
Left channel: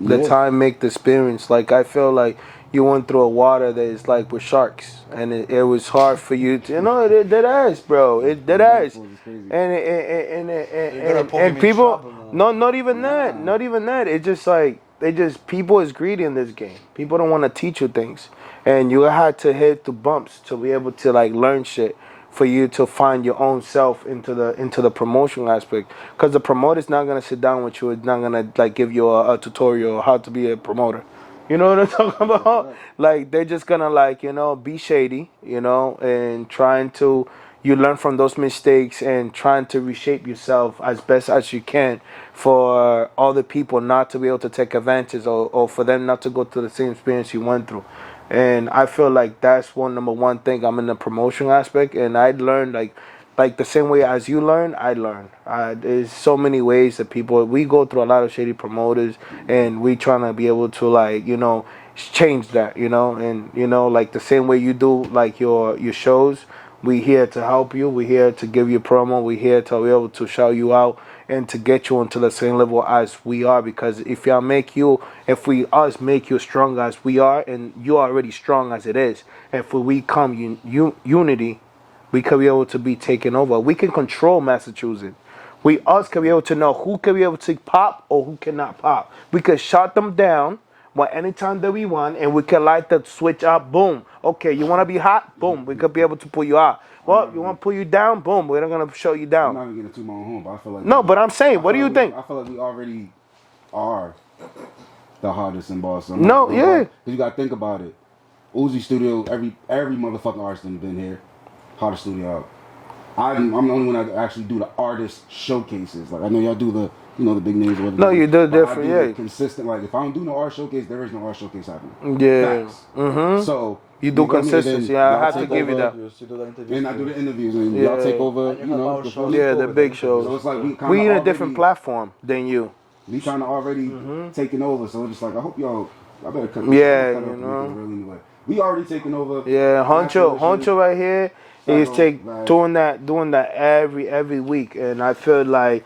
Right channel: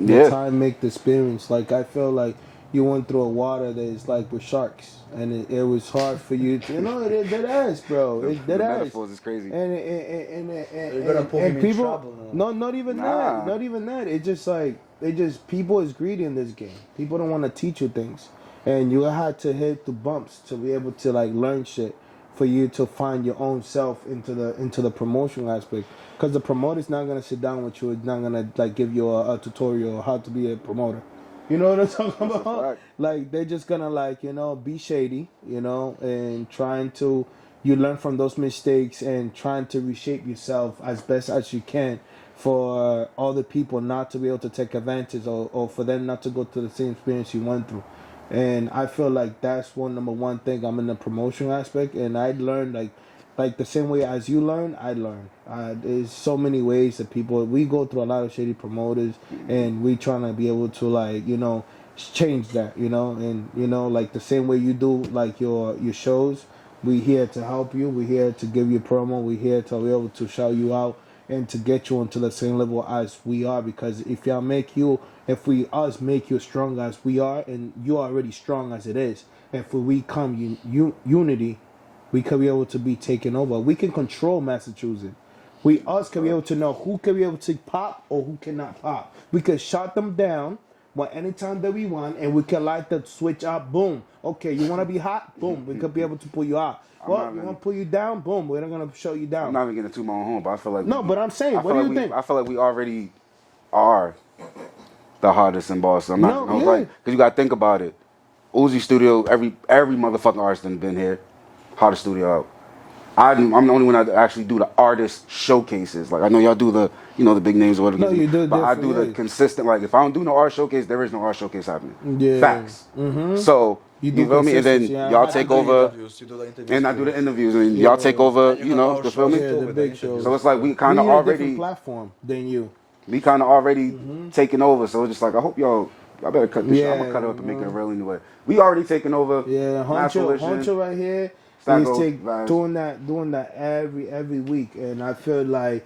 The Yeah. time make the experience. Like I feel like you went through a water that is like with sharks, and it was hard for you to, it dead ass, bro. It dead ass. Metaphors is crazy. You're gonna put him in people, trouble now. no, not even that, not even that. It's just like people is greedy in this game. People don't want to teach you things, and you had to hit the bumps to be able to like learn shit. For you to find your own self into the promotion aspect, because the promoter's not gonna sit down with you. It's not gonna like give you a tutorial on how to be a promoter. You know what I'm talking about? Right. Like they're just gonna like be shady, and trying to you learn from those mistakes and trying to reshape yourself as best as you can for other people not to be able to take advantage or for them not to go through the same experience you went through. And I feel like that's number one thing. I'm in the promotion aspect, and I learned like the same way as you learn, I learn. There's so many ways that we go through a lot of shady promoters, and we trying to be able to change that, and like the same way you do like your shows. We here to help you. We here to give you promo. We here to be able to shout you out and to get you onto the same level as we are. Because if we make you strong as we are, and you're already strong as it is, if we come unity, we could be able to be taken over. We can control Massachusetts. We can be able to know who can be able to pop or who cannot pop. We could shut them down anytime that we want, and we can light the switch up. Boom. Okay, you want to be hot? Boom. We could be able to pull you out. Well, you want to pull you down? Boom. We're not gonna show you down. I'm not even getting too my own home, but I feel like no. But I'm saying, what do you think? I feel like we already are the hottest in Boston. Yeah. Because you got to think about it. Uzi Studio, every motherfucking artist has been here. Hottest studio out. I'm the only one that actually do the artist showcases. Like I know y'all do the the big names or whatever. No, you do but different. I do the consistent. Like if I don't do no art showcase, there is no art showcase happening. Yeah. Facts. Mm-hmm. So you do consistent. consistency. Y'all take over. You do the interviews And I do too. the interviews, and y'all take over. And you have our the film. Yeah, the big shows. So it's like we kind We of in a already different platform than you. We kind of already taking over. So it's just like I hope y'all. I better cut this. Yeah, I'm gonna cut it up to make it real anyway. We already taking over. Yeah, Honcho right here is StackGold, doing that every week, and I feel like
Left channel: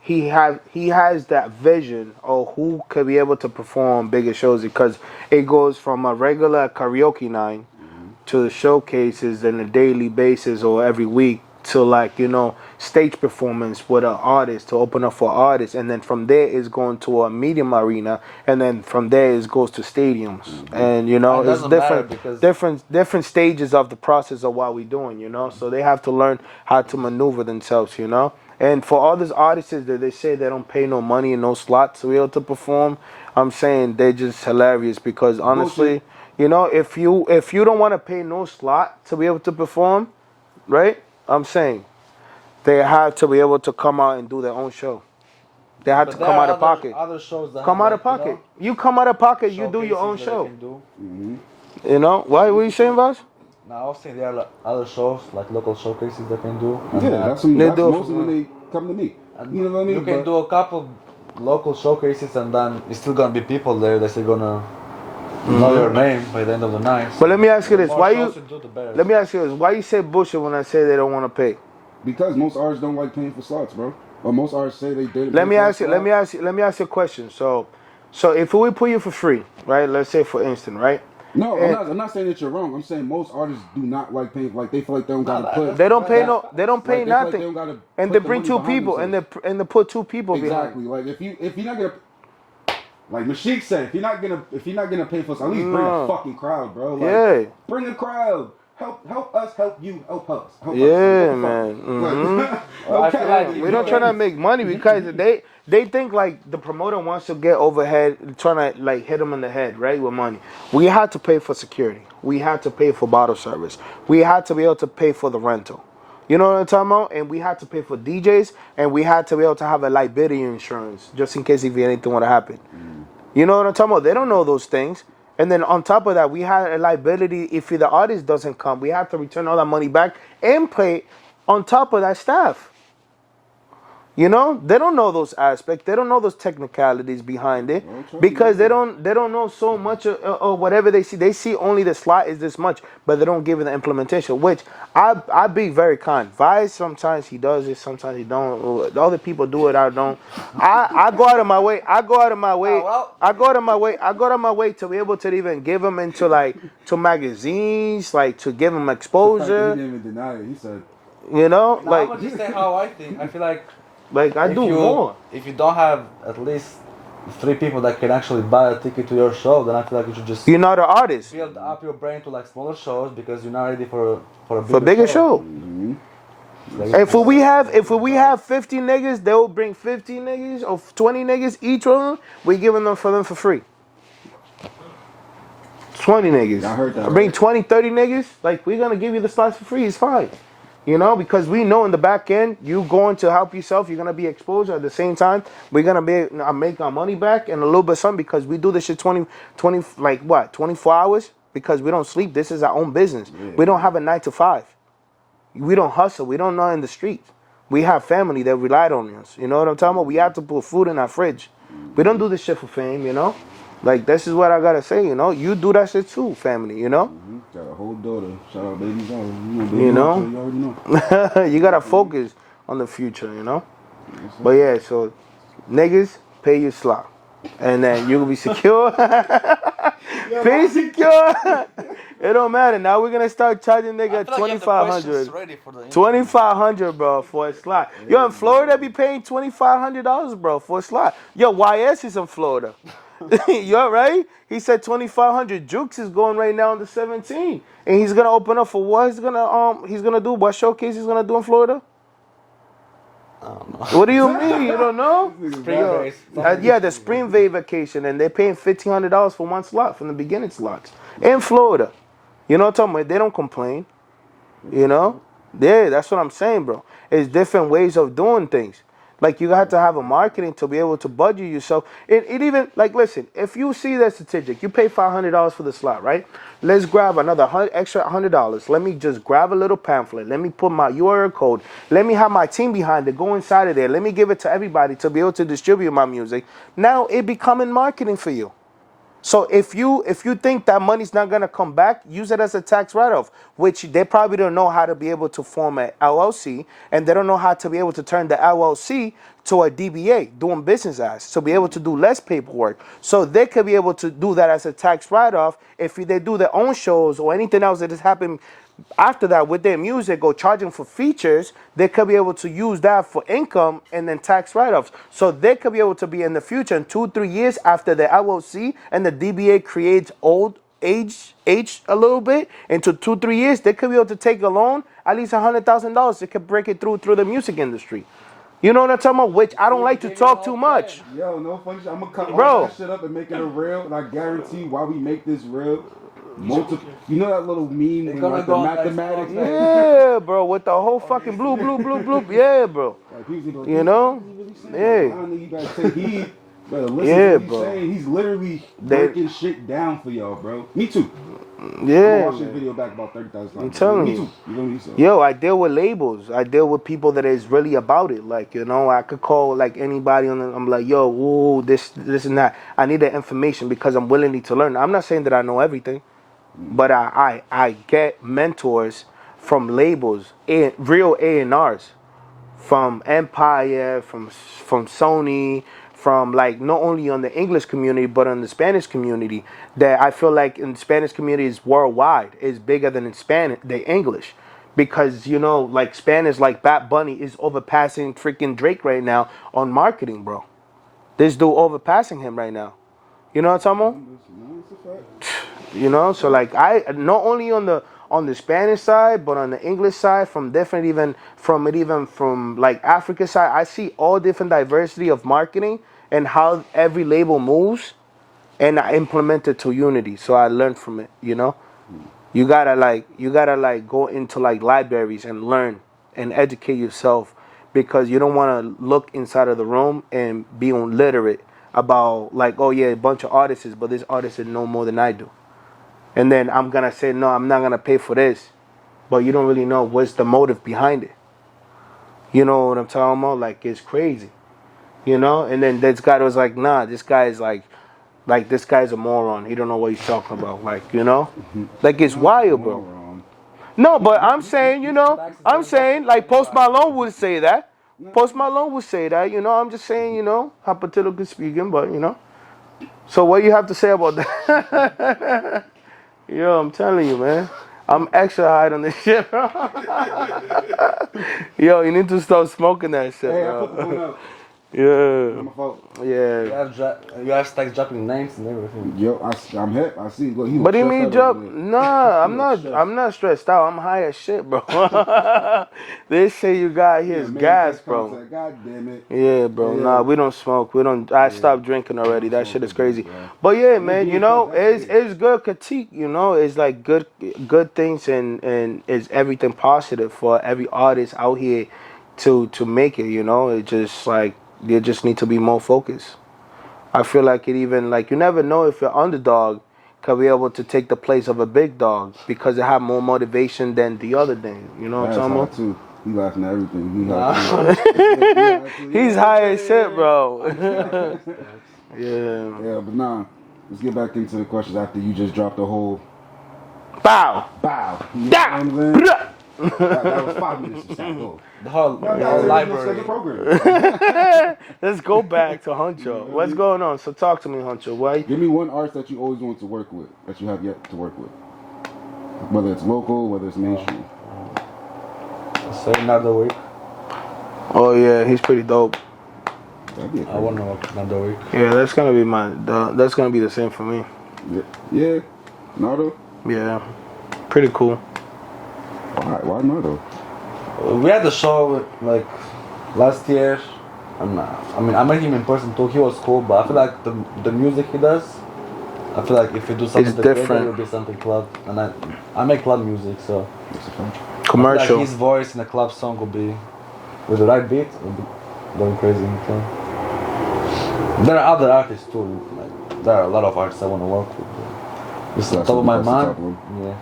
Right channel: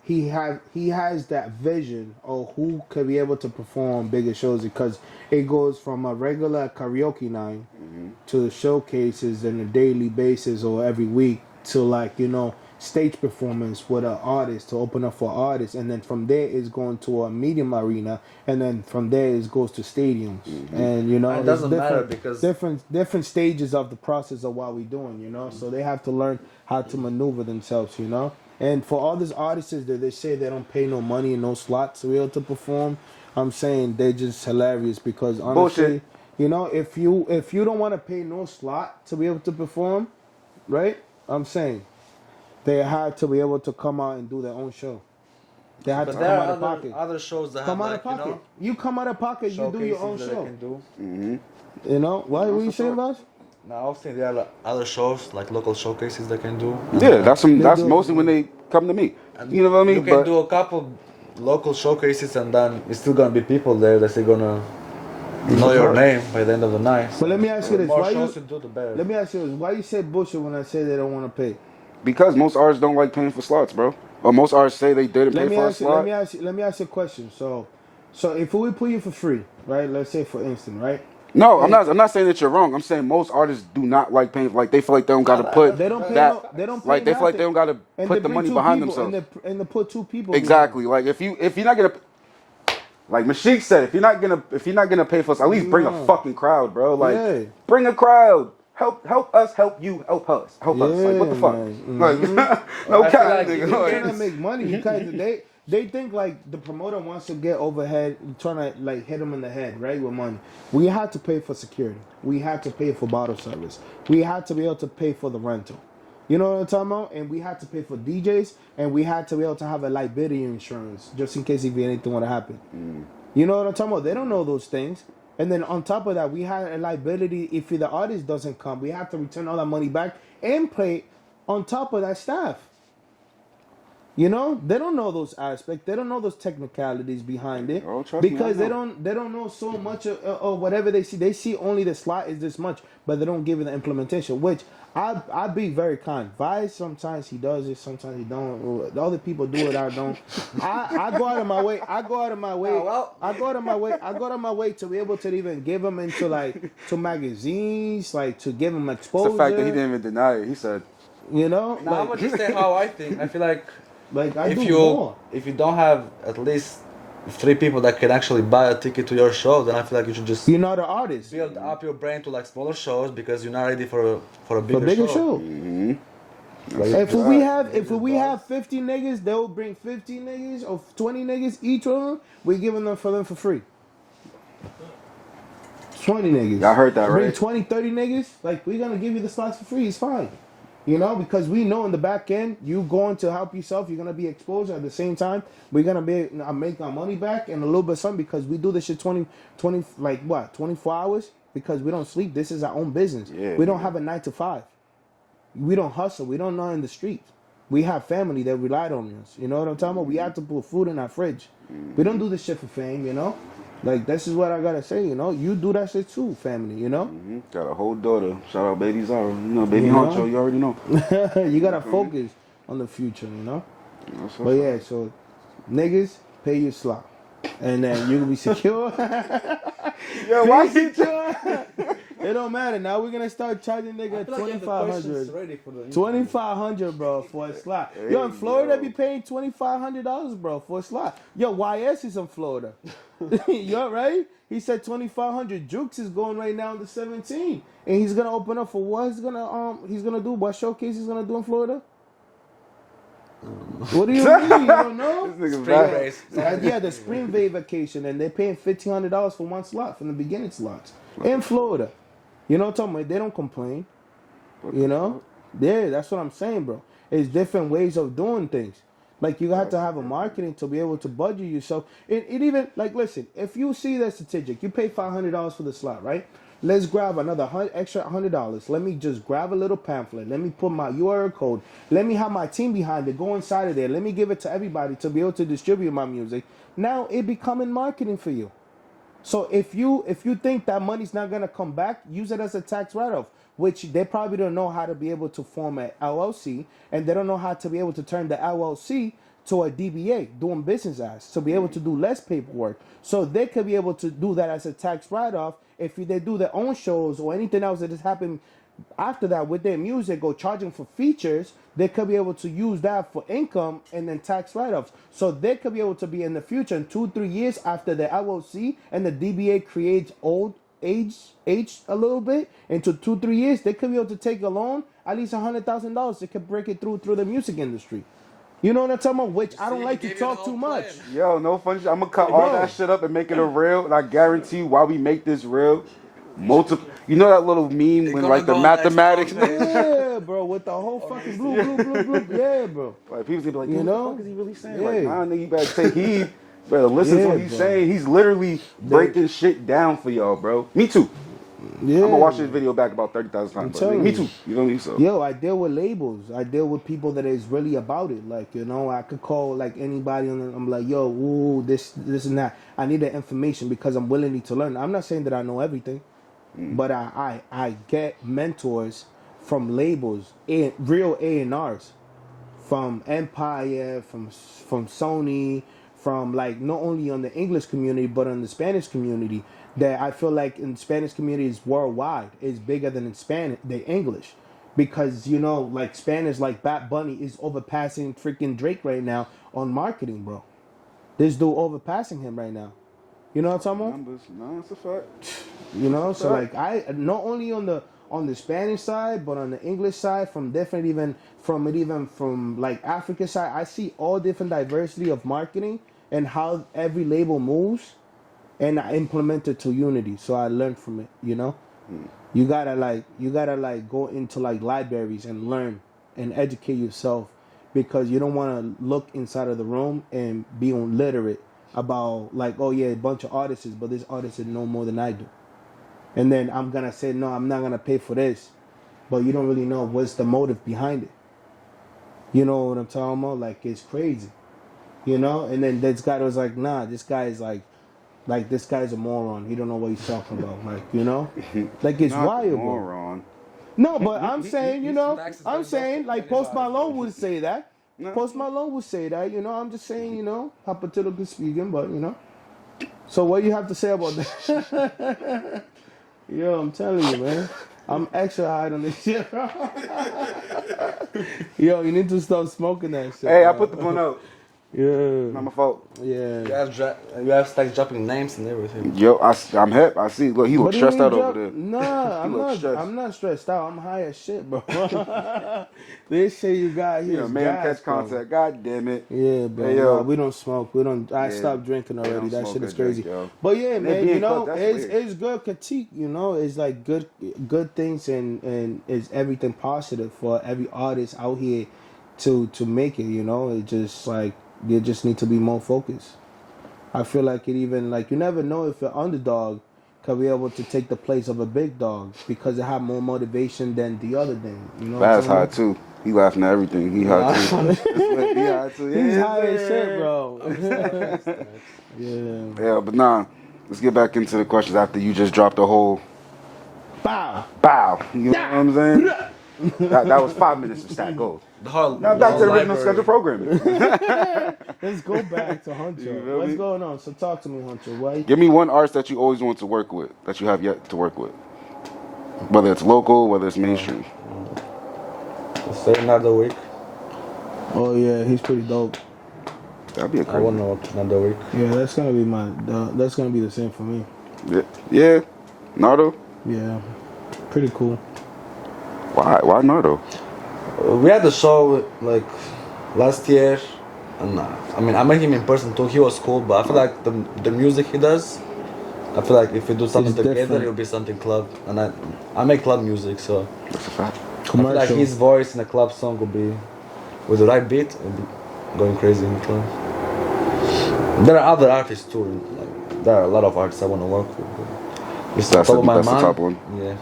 he has that vision of who could be able to perform bigger shows, because it goes from a regular karaoke night to the showcases on a daily basis or every week to stage performance with an artist to open up for artists, and then from there it's going to a medium arena, and then from there it goes to stadiums, and It it's doesn't matter because different stages of the process of what we're doing, so they have to learn how to maneuver themselves, and for all these artists that they say they don't pay no money and no slots to be able to perform, I'm saying they're just hilarious, because honestly, if you don't want to pay no slot to be able to perform, right? I'm saying they have to be able to come out and do their own show. They have to come out of pocket. Other shows that Come have, out of pocket. You come out of pocket, you do your own showcases that show. they can do. What are you saying, Vas? Now, I was thinking there are like other shows, like local showcases they can do. And, Yeah, that's do- mostly when they come to me. You know what I mean? You can But- do a couple local showcases, and then it's still gonna be people there that's still gonna know your name by the end of the night. But let me ask you The this: more why shows you? do, the better. Let me ask you this: why you say bullshit when I say they don't want to pay? Because most artists don't like paying for slots, bro. Or most artists say they did it. Let me ask you a question. So if we put you for free, right? Let's say for instance, right? No, I'm not saying that you're wrong. I'm saying most artists do not like paying. Like they feel like they don't gotta put. They don't pay that- they don't pay Like they feel nothing. like they don't gotta and put they the bring money two behind people themselves. and they put two people. Exactly. Like if you're not gonna, like Mashik said, if you're not gonna pay for us, at least bring a fucking crowd, bro. Like Yeah. bring a crowd. Help us, help you, help us. Help us. Yeah, Like, what the man. fuck? I feel like They're not trying to make money because they think like the promoter wants to get overhead, trying to like hit them in the head, right, with money. We had to pay for security. We had to pay for bottle service. We had to be able to pay for the rental. You know what I'm talking about? And we had to pay for DJs, and we had to be able to have a liability insurance just in case if anything would happen. You know what I'm talking about? They don't know those things. And then on top of that, we had a liability if the artist doesn't come. We have to return all that money back and pay on top of that staff. You know, they don't know those aspects. They don't know those technicalities behind it Oh, trust me, because I they know. don't know so much of whatever they see. They see only the slot is this much, but they don't give it the implementation. Which I be very kind. Vice sometimes he does it, sometimes he don't. The other people do it, I don't. I go out of my way. I go out of my way. well, I go out of my way. I go out of my way to be able to even give them into like to magazines, like to give them It's the fact that he exposure. didn't even deny it. He said, You know, Now, I'm like gonna just say how I think. I feel like I if do you more. if you don't have at least 3 people that can actually buy a ticket to your show, then I feel like you should just You're not an artist. build up your brain to like smaller shows because you're not ready for a For a bigger show. Like, If we have 50 niggas, they will bring 50 niggas or 20 niggas each one. We giving them for free. 20 niggas. I heard that, Bring right? 20, 30 niggas. Like we're gonna give you the slots for free. It's fine. You know, because we know in the back end, you going to help yourself. You're gonna be exposed at the same time. We're gonna be make our money back and a little bit something because we do this shit 20 like what 24 hours because we don't sleep. This is our own business. Yeah, We don't have a 9 to 5. We don't hustle. We don't know in the streets. We have family that relied on us. You know what I'm talking about? We have to put food in our fridge. We don't do this shit for fame, you know? Like, this is what I gotta say, you know? You do that shit too, family, you know? got a whole daughter. Shout out Baby Zara. You know, Baby You know? Honcho, you already know. You gotta focus on the future, you know? That's But yeah, so niggas, pay your slot. And then you'll be secure. Pay secure. It don't matter. Now we're gonna start charging nigga 2,500. 2,500, bro, for a slot. Yo, in Florida, be paying $2,500, bro, for a slot. Yo, YS is in Florida. Yo, right? He said 2,500. Jukes is going right now on the 17, and he's gonna open up for what? He's gonna do what showcase he's gonna do in Florida? I don't know. What do you mean? You don't know? This nigga's Spring bad. race. Yeah, the spring vacation, and they're paying $1,500 for one slot from the beginning slots in Florida. You know what I'm talking about? They don't complain. You know? Yeah, that's what I'm saying, bro. It's different ways of doing things. Like, you have to have a marketing to be able to budget yourself. It even, like, listen, if you see that statistic, you pay $500 for the slot, right? Let's grab another extra $100. Let me just grab a little pamphlet. Let me put my URL code. Let me have my team behind it. Go inside of there. Let me give it to everybody to be able to distribute my music. Now it becoming marketing for you. So if you think that money's not gonna come back, use it as a tax write-off, which they probably don't know how to be able to form an LLC, and they don't know how to be able to turn the LLC to a DBA, doing business as, to be able to do less paperwork. So they could be able to do that as a tax write-off if they do their own shows or anything else that has happened after that with their music or charging for features. They could be able to use that for income and then tax write-offs. So they could be able to be in the future in 2-3 years after the LLC and the DBA creates age a little bit into 2-3 years, they could be able to take a loan at least $100,000. They could break it through the music industry. You know what I'm talking about? Which I don't like to talk too much. Yo, no funny shit. I'm gonna cut Bro. all that shit up and make it a reel. And I guarantee you, while we make this real, multiple. You know that little meme when gonna like the go on mathematics. next Yeah, bro, with the whole fucking blue. Yeah, bro. Like, people's gonna be like, You "What know? the fuck is he really saying?" Yeah. Like, nah, nigga, you better take heed. Better listen Yeah, to what he's bro. saying. He's literally breaking shit down for y'all, bro. Me too. Yeah. I'm gonna watch this video back about 30,000 times. bro. telling Me you. too. You know me so. Yo, I deal with labels. I deal with people that is really about it. Like, you know, I could call like anybody on I'm like, yo, ooh, this and that. I need that information because I'm willing to learn. I'm not saying that I know everything, but I get mentors from labels, real A&Rs, from Empire, from Sony, from like not only on the English community but on the Spanish community. That I feel like in the Spanish community is worldwide. It's bigger than in Spanish, the English, because you know like Spanish, like Bad Bunny is overpassing freaking Drake right now on marketing, bro. This dude overpassing him right now. You know what I'm talking about? No, it's a fact. You know, so like I not only on the Spanish side, but on the English side, from like Africa side, I see all different diversity of marketing and how every label moves, and I implement it to Unity. So I learned from it. You know, you gotta go into like libraries and learn and educate yourself, because you don't want to look inside of the room and be illiterate about like, oh yeah, a bunch of artists, but this artist know more than I do. And then I'm going to say, no, I'm not going to pay for this. But you don't really know what's the motive behind it. You know what I'm talking about? Like, it's crazy. You know? And then this guy was like, nah, this guy is like this guy's a moron. He don't know what he's talking about. Like, you know? Like, it's Not wild, bro. moron. No, but I'm saying, you know, I'm saying, like, Post Malone would say that. Post Malone would say that, you know. I'm just saying, you know, hypothetically speaking, but, you know. So what you have to say about that? Yo, I'm telling you, man. I'm extra high on this shit, bro. Yo, you need to stop smoking that shit, Hey, bro. I put the one out. Yeah. Not my fault. Yeah. You have Stacks dropping names and everything. Yo, I'm hip. I see. Look, he looks But you stressed mean out drop? over there. Nah, I'm He not. looks stressed. I'm not stressed out. I'm high as shit, bro. This shit you got here Yeah, is man, gas, catch bro. contact. God damn it. Yeah, bro. Hey, yo. Nah, we don't smoke. We don't. I Yeah. stopped drinking already. don't That smoke shit is that crazy. bro. But yeah, And man. being You know, fucked, that's it's good critique. You know, it's like good things and it's everything positive for every artist out here to make it. You know, it just like you just need to be more focused. I feel like it even like you never know if your underdog can be able to take the place of a big dog because they have more motivation than the other thing. You know what I'm That's talking high about? too. He laughing at everything. He high too. He's Yeah, high yeah, as shit, yeah. bro. Yeah. Yeah, but nah. Let's get back into the questions after you just dropped the whole Bow. bow. You know what I'm saying? That was 5 minutes of StackGold. The whole, Now the that's whole the original library. schedule program. Let's go back to Huncho. know What's me? going on? So talk to me, Huncho. Why? Give me one artist that you always want to work with, that you have yet to work with. Whether it's local, whether it's mainstream. Say another week. Oh yeah, he's pretty dope. That'd be a I crazy. want to work another week. Yeah, that's gonna be that's gonna be the same for me. Yeah. Nardo? Yeah, pretty cool. Why Nardo? We had a show like last year, and I mean I met him in person too. He was cool, but I feel like the music he does, I feel like if we do something It's together, different. it'll be something club. And I make club music, so That's a fact. I feel Commercial. like his voice in a club song would be, with the right beat, would be going crazy in the club. There are other artists too. Like there are a lot of artists I want to work with. But it's on That's top of my that's the mind. top one. Yeah.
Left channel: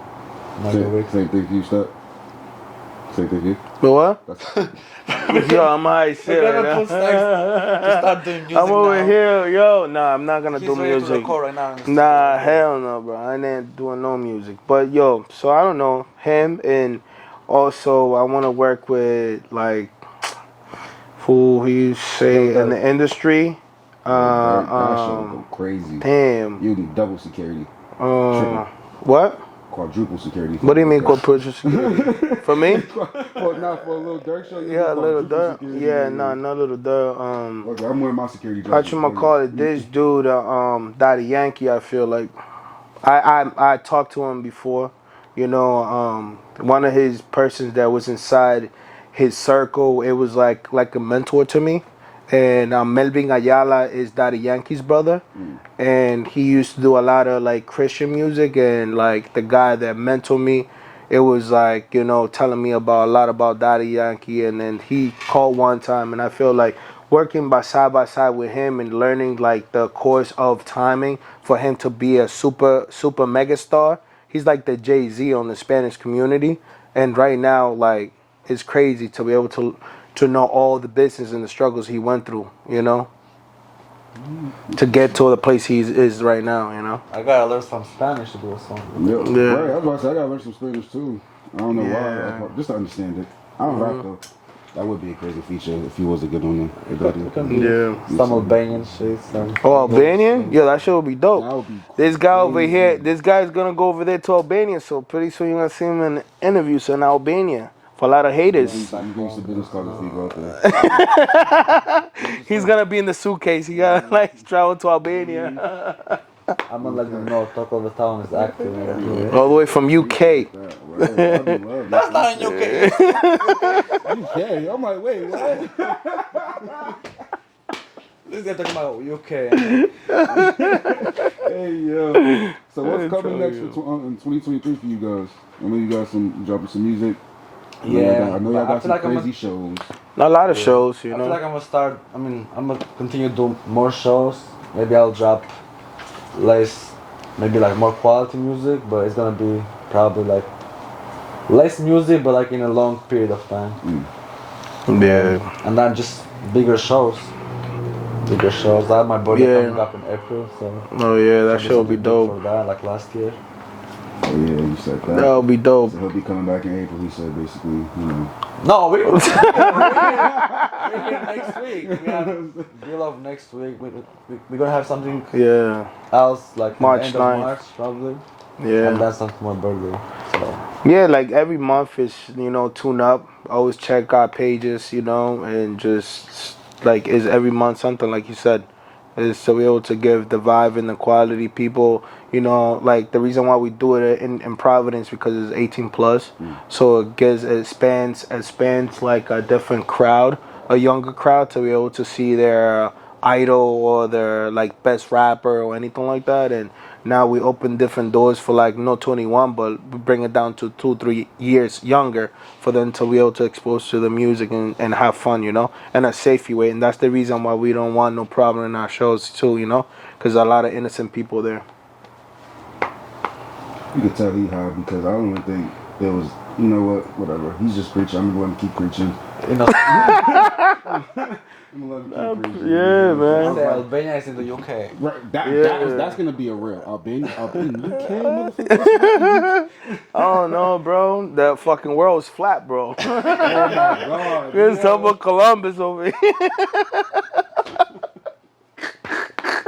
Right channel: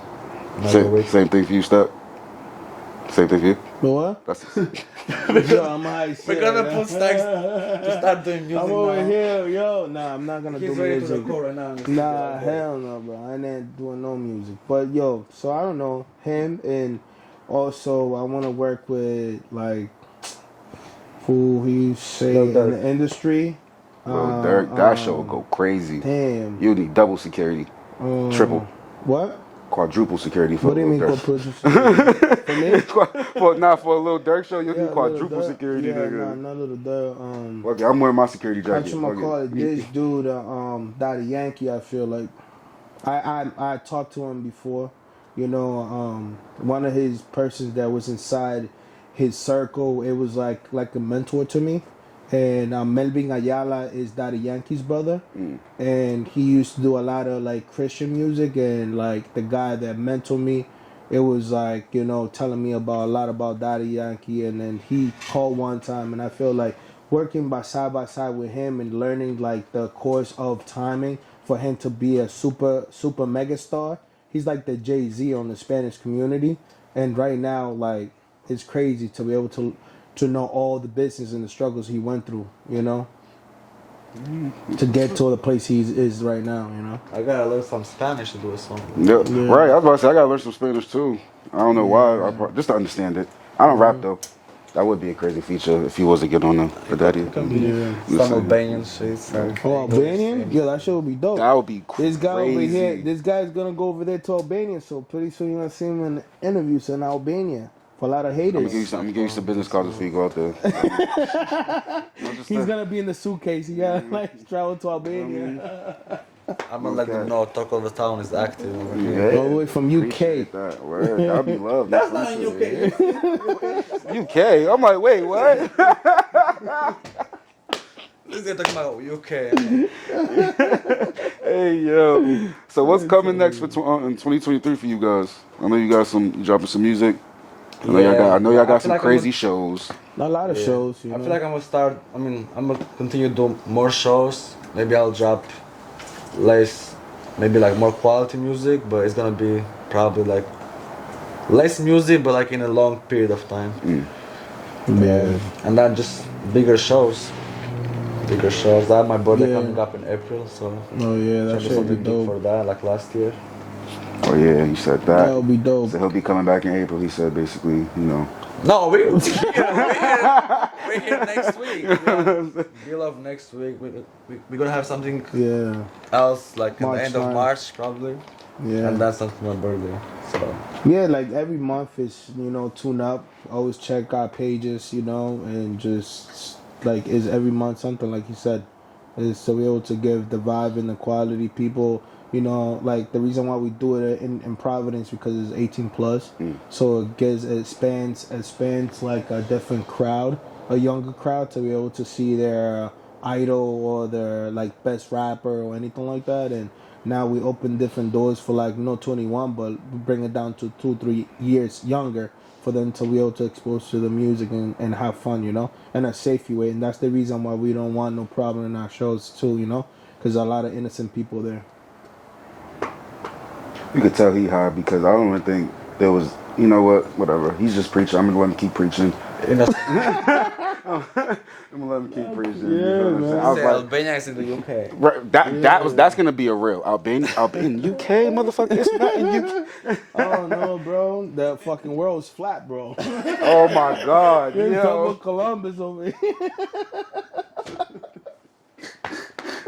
Another week. Same thing for you, Step? Same thing for you? But what? That's Yo, I'm high as shit. We're gonna right put now. Stacks to start doing music I'm over now. here, yo. Nah, I'm not gonna He's do ready to music. record right now. Nah, hell no, bro. I ain't doing no music. But yo, so I don't know him, and also I want to work with like who he say Yo, in the industry. Derek, that show would go crazy. Damn. You need double security, triple, What? quadruple security. For What do you mean Dirk. quadruple security? For me? Well, not for a little Dirk show. You Yeah, need little quadruple Dirk. security. Yeah, nigga. nah, not little Dirk. Okay, I'm wearing my security How jacket. you call it? This dude, Daddy Yankee. I feel like I talked to him before. You know, one of his persons that was inside his circle. It was like a mentor to me. And Melvin Ayala is Daddy Yankee's brother, and he used to do a lot of like Christian music. And like the guy that mentored me, it was like, you know, telling me about a lot about Daddy Yankee. And then he called one time, and I feel like working by side with him and learning like the course of timing for him to be a super mega star. He's like the Jay-Z on the Spanish community, and right now like it's crazy to be able to know all the business and the struggles he went through, you know, to get to the place he is right now, you know. I gotta learn some Spanish to do a song. Yeah, Yeah. right. I was about to say I gotta learn some Spanish too. I don't know Yeah. why. Just to understand it. I don't rap though. That would be a crazy feature if he was to get on the Daddy. Yeah. Some Albanian shit. Oh, Albanian? Yeah, that shit would be dope. That would be crazy. This guy over here, this guy's gonna go over there to Albania, so pretty soon you're gonna see him in interviews in Albania for a lot of haters. I'm gonna give you some business cards if you go out there. He's gonna be in the suitcase. He gotta like travel to Albania. I'm gonna let them know Talk of the Town is active. All the way from UK. That, word. That'd be love. That's not in UK. UK. I'm like, wait, what? This guy talking about UK. Hey yo. So what's coming next for in 2023 for you guys? I know you got you dropping some music. I know y'all got some crazy shows. A lot of shows, you I know. feel like I'm gonna start. I mean, I'm gonna continue to do more shows. Maybe I'll drop less, maybe like more quality music, but it's gonna be probably like less music, but like in a long period of time. Yeah. And then just bigger shows. Bigger shows. That my birthday Yeah. coming up in April, so Oh yeah, that maybe shit will be something big for dope. that, like last year. Oh yeah, you said that. That'll be dope. So he'll be coming back in April. He said basically, you know. No, we're here next week. Deal of next week. We're gonna have something Yeah. else like in March the end of 9th. March probably. Yeah. And that's not my birthday. So Yeah, like every month is, tune up. Always check our pages, and just like is every month something like you said. Is to be able to give the vibe and the quality people, like the reason why we do it in Providence because it's 18 plus. So it spans like a different crowd, a younger crowd to be able to see their idol or their like best rapper or anything like that. And now we open different doors for like no 21, but we bring it down to 2-3 years younger for them to be able to expose to the music and have fun, in a safe way. And that's the reason why we don't want no problem in our shows too, because a lot of innocent people there. You could tell he high because I don't even think there was. You know what? Whatever. He's just preaching. I'm gonna let him keep preaching. you know, I'm gonna let him keep preaching. Yeah, man. I was say like, Albania is in the UK. right, that's gonna be a real Albania UK motherfucker. What's that? Oh no, bro, that fucking world's flat, bro. Oh my god. There's yo. some Columbus over here.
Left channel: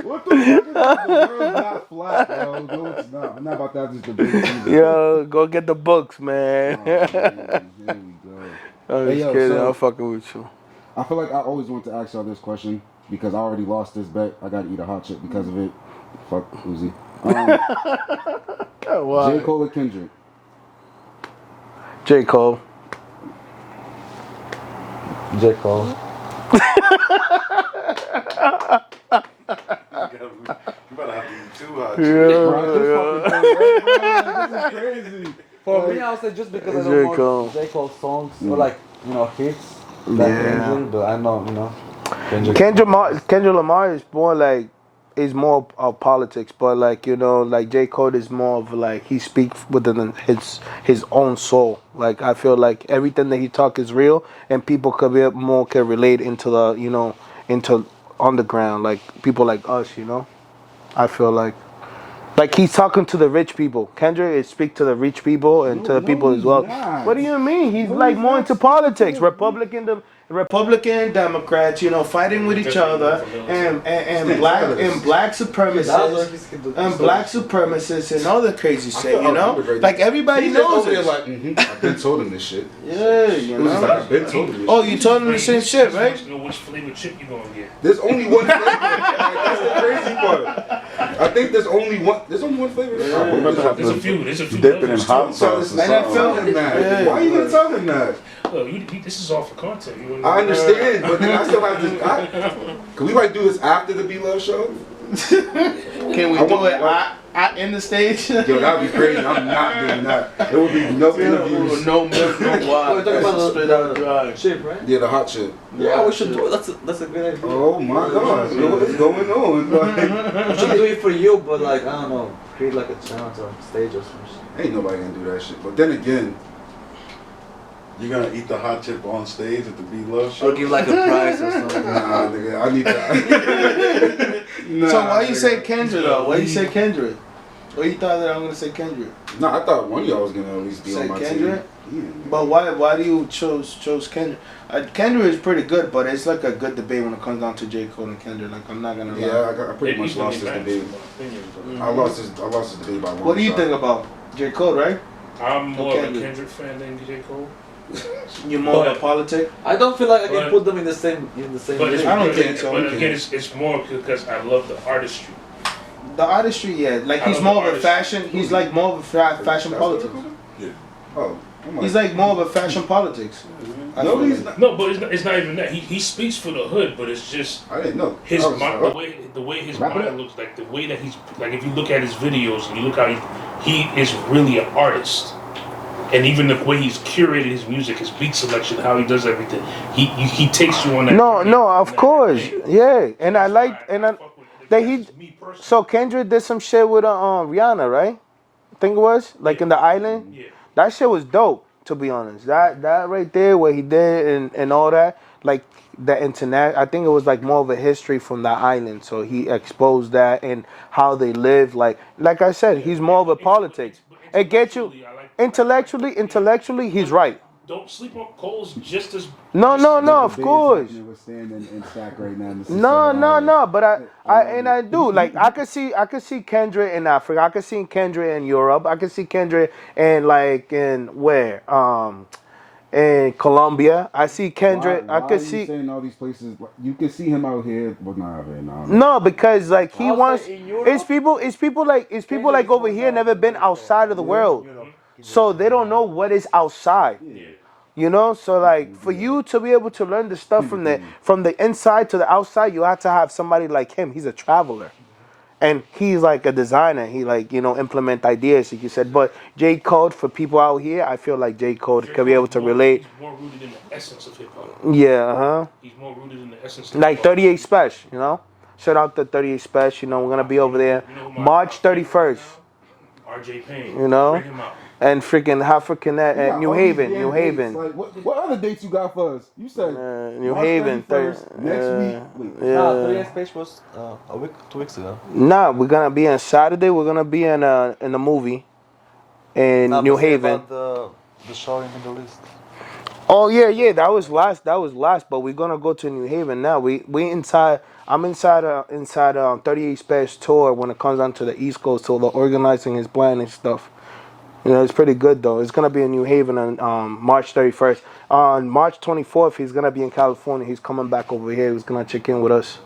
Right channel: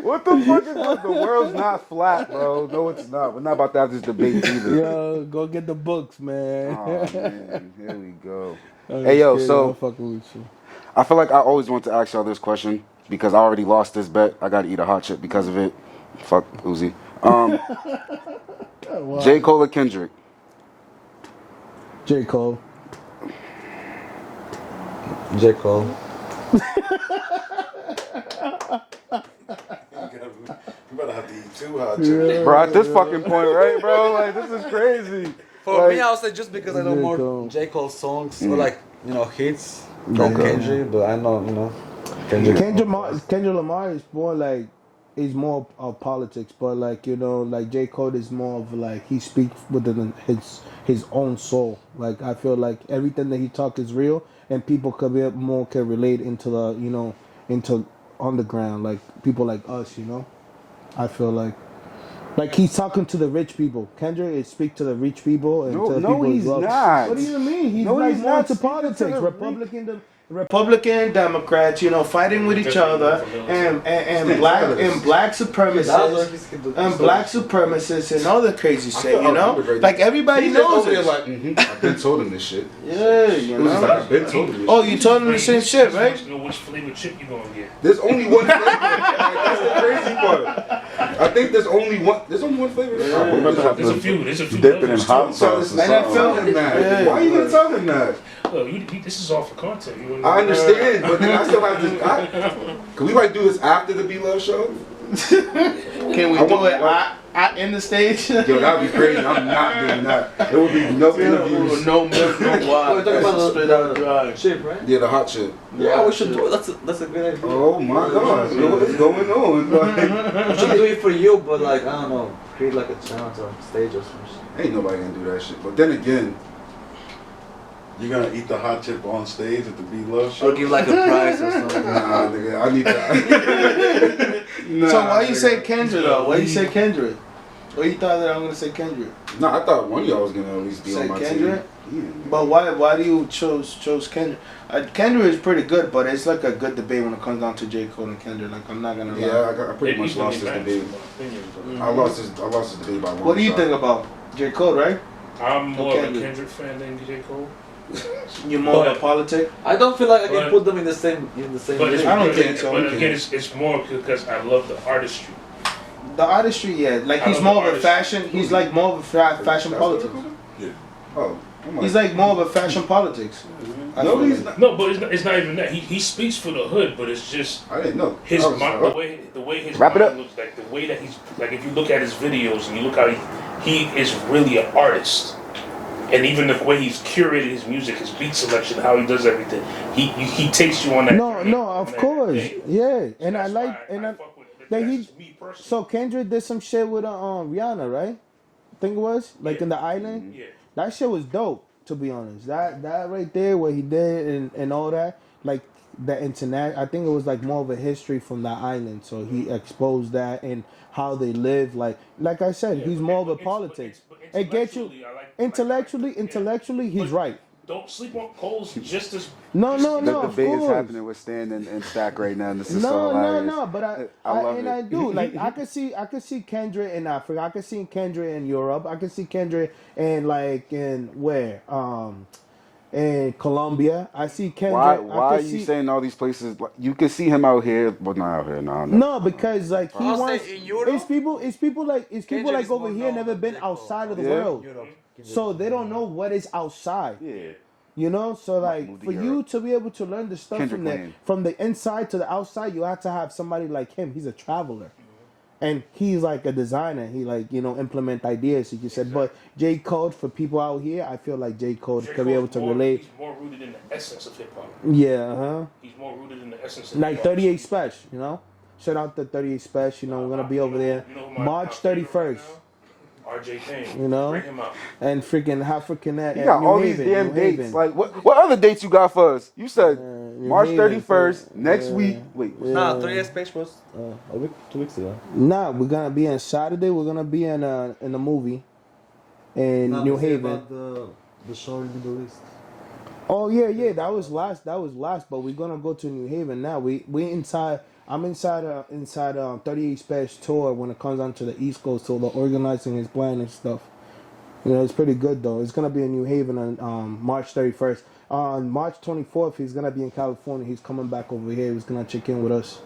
What the fuck is that? The world's not flat, bro. No, it's not. We're not about to have this debate either. Yo, go get the books, man. Oh, man. Here we go. I'm Hey, yo, just kidding, so- I'm fucking with you. I feel like I always want to ask y'all this question because I already lost this bet. I gotta eat a hot chip because of it. Fuck Uzi. J. Cole or Kendrick? J. Cole. J. Cole. You better have to eat too hot. Yeah. Bro, at this fucking point, right, bro? Like, this is crazy. For Like- me, I'll say just because I J. know more Cole. J. Cole songs, or like, hits than Yeah. Kendrick, but I know, Kendrick Lamar is more like more of politics, but like like J. Cole is more of like he speaks within his own soul. Like I feel like everything that he talk is real, and people could relate into the into underground, like people like us. I feel like he's talking to the rich people. Kendrick is speak to the rich people and to the people as he's well. not. What do you mean? He's No, like he's more not into speaking to politics. the Republican Democrats, fighting with each other, and black supremacists, and black supremacists, and all the crazy shit. Like everybody knows it. Like, I've been told him this shit. Yeah, It was just like, I've been told him this Oh, shit. you told him the same shit, right? You know which flavor chip you gonna get. There's only one flavor. Like, that's the crazy part. I think there's only one. There's only one flavor. There's a few. There's a few. Dip it in levels hot to it. sauce. And I tell him that. Yeah. Why are you gonna tell him that? Look, this is all for content. You know? I understand, but then I still have to. Can we like do this after the B-Love show? Can we I do want- it in the stage? Yo, that'd be crazy. I'm not doing that. There would be no interviews. No milk, no water. We're talking about Straight out dry. chip, right? Yeah, the hot chip. Yeah, we should do it. That's a good idea. Oh my God, what is going on? Like, We should do it for you, but like, I don't know, create like a channel or stage or something. ain't nobody gonna do that shit. But then again, You're gonna eat the hot chip on stage at the B-Love show? Or give like a prize or something. nah, nigga, I need that. Nah, So why you nigga. say Kendrick though? Why you say Kendrick? Well, you thought that I'm gonna say Kendrick. Nah, I thought one of y'all was gonna at least be Say on my Kendrick? team. Yeah. But why do you chose Kendrick? Kendrick is pretty good, but it's like a good debate when it comes down to J. Cole and Kendrick. Like I'm not gonna lie. Yeah, I pretty It much equally lost this matters, debate. in my opinion, but I lost this debate by one. What do you shot. think about J. Cole? Right? I'm more of a Kendrick. Kendrick fan than J. Cole. You're more of a But- politic. I don't feel like I can But- put them in the same But it's, I don't think so. But again, it's more because I love the artistry. The artistry, yeah. Like I he's love more the of a artistry. fashion. He's like more of a fashion politics. Oh, I'm He's like more of a fashion politics. I no, feel he's like. not. No, but it's not even that. He speaks for the hood, but it's just I didn't know. his I was mind, like, the way his Wrap it mind up. looks, like the way that he's like. If you look at his videos and you look how he is really an artist, and even the way he's curated his music, his beat selection, how he does everything, he takes you on that. No, journey, no, on of that course, thing. yeah. And I like, and I, fuck with it. that he. That's me personally. So Kendrick did some shit with Rihanna, right? I think it was like in the island. Yeah. That shit was dope. To be honest, that right there, what he did and all that, like the internet. I think it was like more of a history from that island. So he exposed that and how they live. Like I said, he's more of a politics. It gets you intellectually. He's right. Don't sleep on Cole's just as. No, The of debate is course. happening with Stan and Stack right now. And this is No, so hilarious. but love I it. do like I could see Kendrick in Africa. I could see Kendrick in Europe. I could see Kendrick in where in Colombia. I see Kendrick. Why I are could you see saying all these places? Like, you can see him out here, but not out here. no, because like he I'll wants. say in Europe, It's people like Kendrick is over more here than never been Drake, outside of the world, Europe. so they don't know what is outside. Yeah. You know, so like for you to be able to learn the stuff from the inside to the outside, you have to have somebody like him. He's a traveler, and he's like a designer. He like implement ideas, like you said. But J. Cole, for people out here, I feel like J. Cole could be able to relate. He's more rooted in the essence of hip hop. Yeah, He's more rooted in the essence of like hip hop. 38 Special. Shout out to 38 Special. We're gonna be over there March 31st. RJ Payne. You know? Bring him out. And freaking African You at got New all these Haven, damn New dates. Haven. Like what other dates you got for us? You said New March Haven, 31st next week. Wait, No, 3 years page was a week, 2 weeks ago. Nah, we're gonna be on Saturday. We're gonna be in a movie in No, New but say Haven. about the showing in the list. Oh yeah, that was last. But we're gonna go to New Haven now. We inside. I'm inside 38 Special tour when it comes down to the East Coast. So they're organizing his plan and stuff. It's pretty good though. It's gonna be in New Haven on March 31st. On March 24th, he's gonna be in California. He's coming back over here. He's gonna check in with us.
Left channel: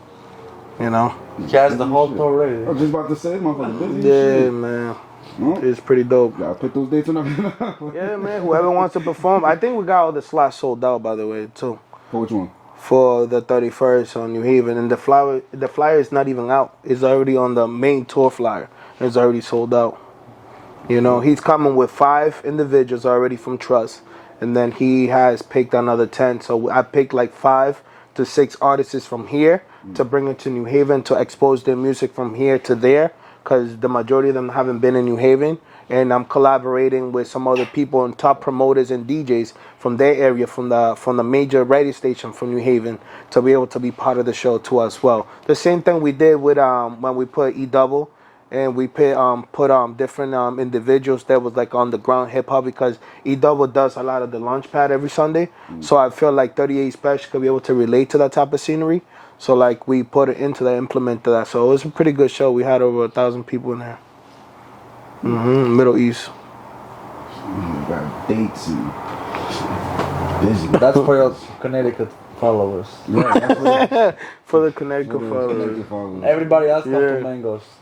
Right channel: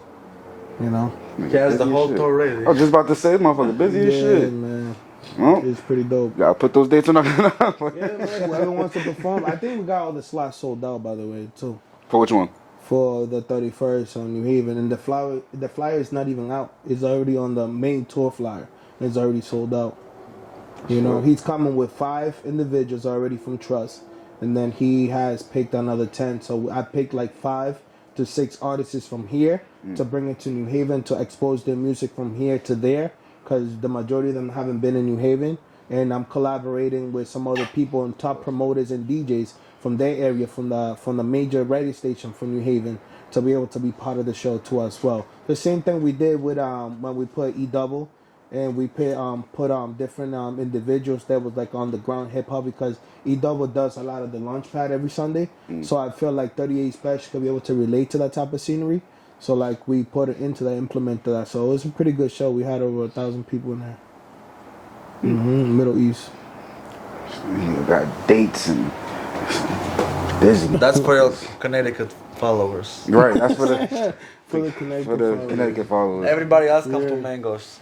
He has the whole tour ready. I was just about to say, motherfucker, busy as Yeah, shit. man. Well, It's pretty dope. gotta put those dates on. Yeah, man. Whoever wants to perform, I think we got all the slots sold out, by the way, too, For which one? for the 31st on New Haven. And the flyer is not even out. It's already on the main tour flyer. It's already sold out. He's coming with 5 individuals already from Trust, and then he has picked another 10. So I picked like 5 to 6 artists from here to bring it to New Haven to expose their music from here to there, because the majority of them haven't been in New Haven. And I'm collaborating with some other people and top promoters and DJs from their area, from the major radio station from New Haven, to be able to be part of the show too as well. The same thing we did with when we put E-Double, and we put different individuals that was like on the ground hip hop, because E-Double does a lot of the launch pad every Sunday. So I feel like 38 Special could be able to relate to that type of scenery. So like we put it into that, implemented that. So it was a pretty good show. We had over 1,000 people in there. Middle East. You got dates and busy. That's for your Connecticut followers. Right, that's for the, For the Connecticut for the followers. Connecticut followers. Everybody else comes Yeah. to Mangoes.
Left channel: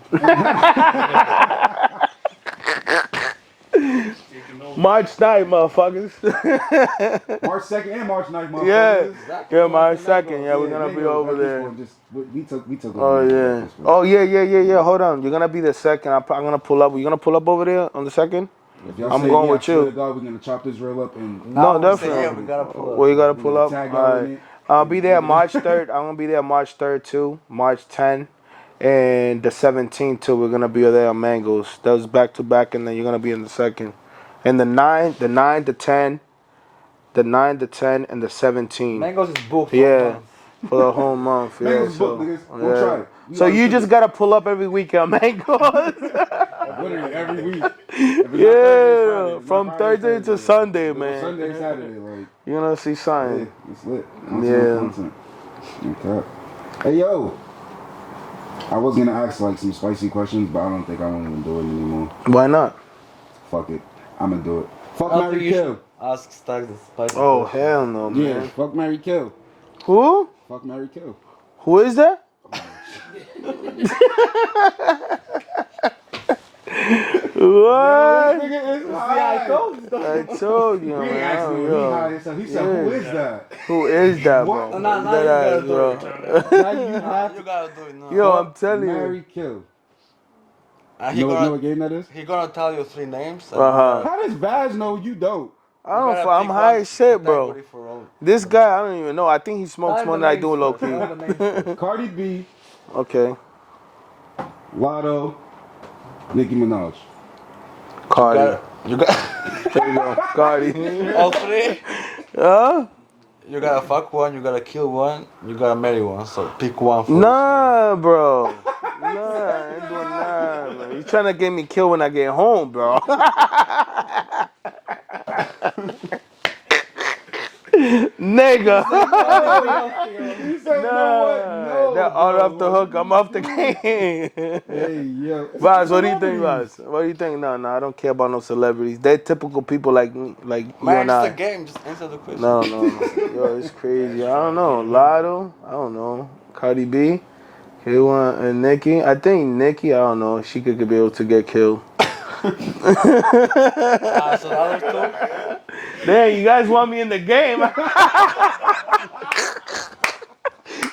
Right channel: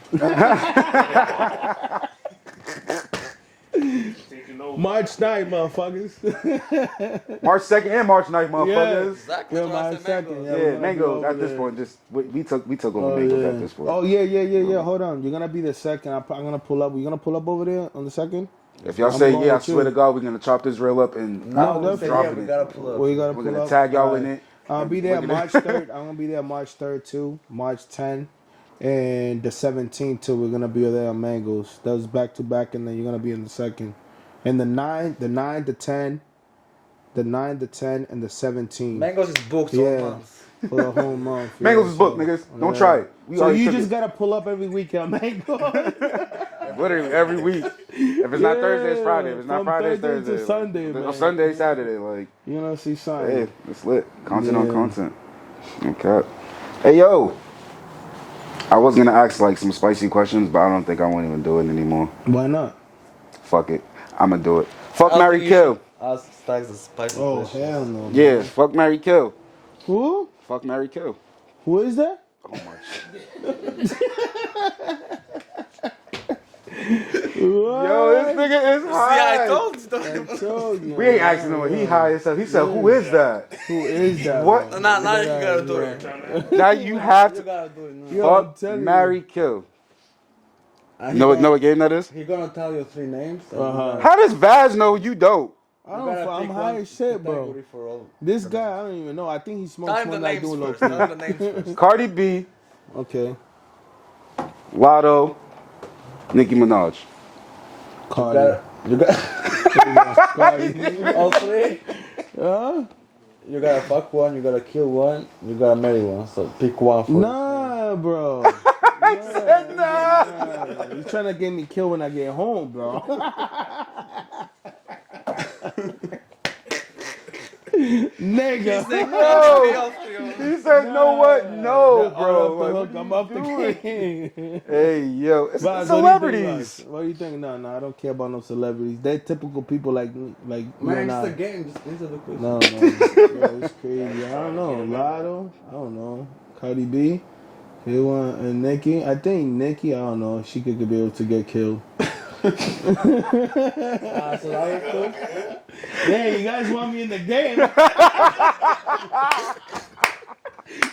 March 9th, motherfuckers. March 2nd and March 9th, Yeah. motherfuckers. Yeah, March 2nd. Yeah, we're Yeah, gonna be Mango, over at this there. point, just we took Oh over Mango at yeah. this point. Oh yeah. Hold on. You're gonna be the second. I'm gonna pull up. You gonna pull up over there on the second? If y'all I'm say going yeah, I with swear you. to God, we're gonna chop this rail up and No, Say, definitely. yeah, we gotta pull up. Well, you gotta We're pull gonna up. tag y'all All in right. it. I'll be there March 3rd. I'm gonna be there March 3rd too. March 10th. And the 17th too. We're gonna be there on Mangoes. That was back to back, and then you're gonna be in the second. And the 9, the 10, and the 17th. Mangoes is booked. Yeah. For the whole month. Mangoes yeah, is booked, so- niggas. Don't yeah. try it. So already you took just it. gotta pull up every weekend, Mangoes. literally every week. If it's not Thursday, it's Friday. If it's not From Friday, it's Thursday to Thursday. Sunday, If it's man. Sunday, Saturday, like You're gonna see hey, sign. it's lit. Content Yeah. on content. Okay. Hey yo. I was gonna ask like some spicy questions, but I don't think I won't even do it anymore. Why not? Fuck it. I'ma do it. Fuck, marry, kill. Ask Stacks the spicy Oh question. hell no. Man. Yeah. Fuck, marry, kill. Who? Fuck, marry, kill. Who is that? What? Yo, this nigga is See, high. I told you. I told you. We ain't asking him. He high as hell. He said, "Who is that?" Who is that? What? bro? Now you gotta do it. Now you have You to. gotta do it now. Yo, I'm Fuck, telling marry, you. kill. And Know what game that is? He gonna tell you 3 names. and Uh-huh. How does Vaz know you don't? I you don't. gotta I'm pick high one as shit, bro. category for all. This guy, I don't even know. I think he smokes Tell more him than the I do, names low first. Tell him key. the names first. Cardi B, Okay. Lotto, Nicki Minaj. Cardi. You got There you go, Cardi. all three. Huh? You gotta fuck one. You gotta kill one. You gotta marry one. So pick one first. Nah, bro. Nah, man. You trying to get me killed when I get home, bro. Nigga. He said, "No, what? No, They're all bro. off the hook. I'm off the game. Hey, yo, it's Vaz, what do you think, celebrities. Vaz? What do you think? No, I don't care about no celebrities. They're typical people like you Man, and it's I. a game. Just answer the question. No. Yo, it's crazy. I don't know. Lotto, I don't know. Cardi B, K1, and Nicki. I think Nicki, I don't know. She could be able to get killed. So the other two. Damn, you guys want me in the game.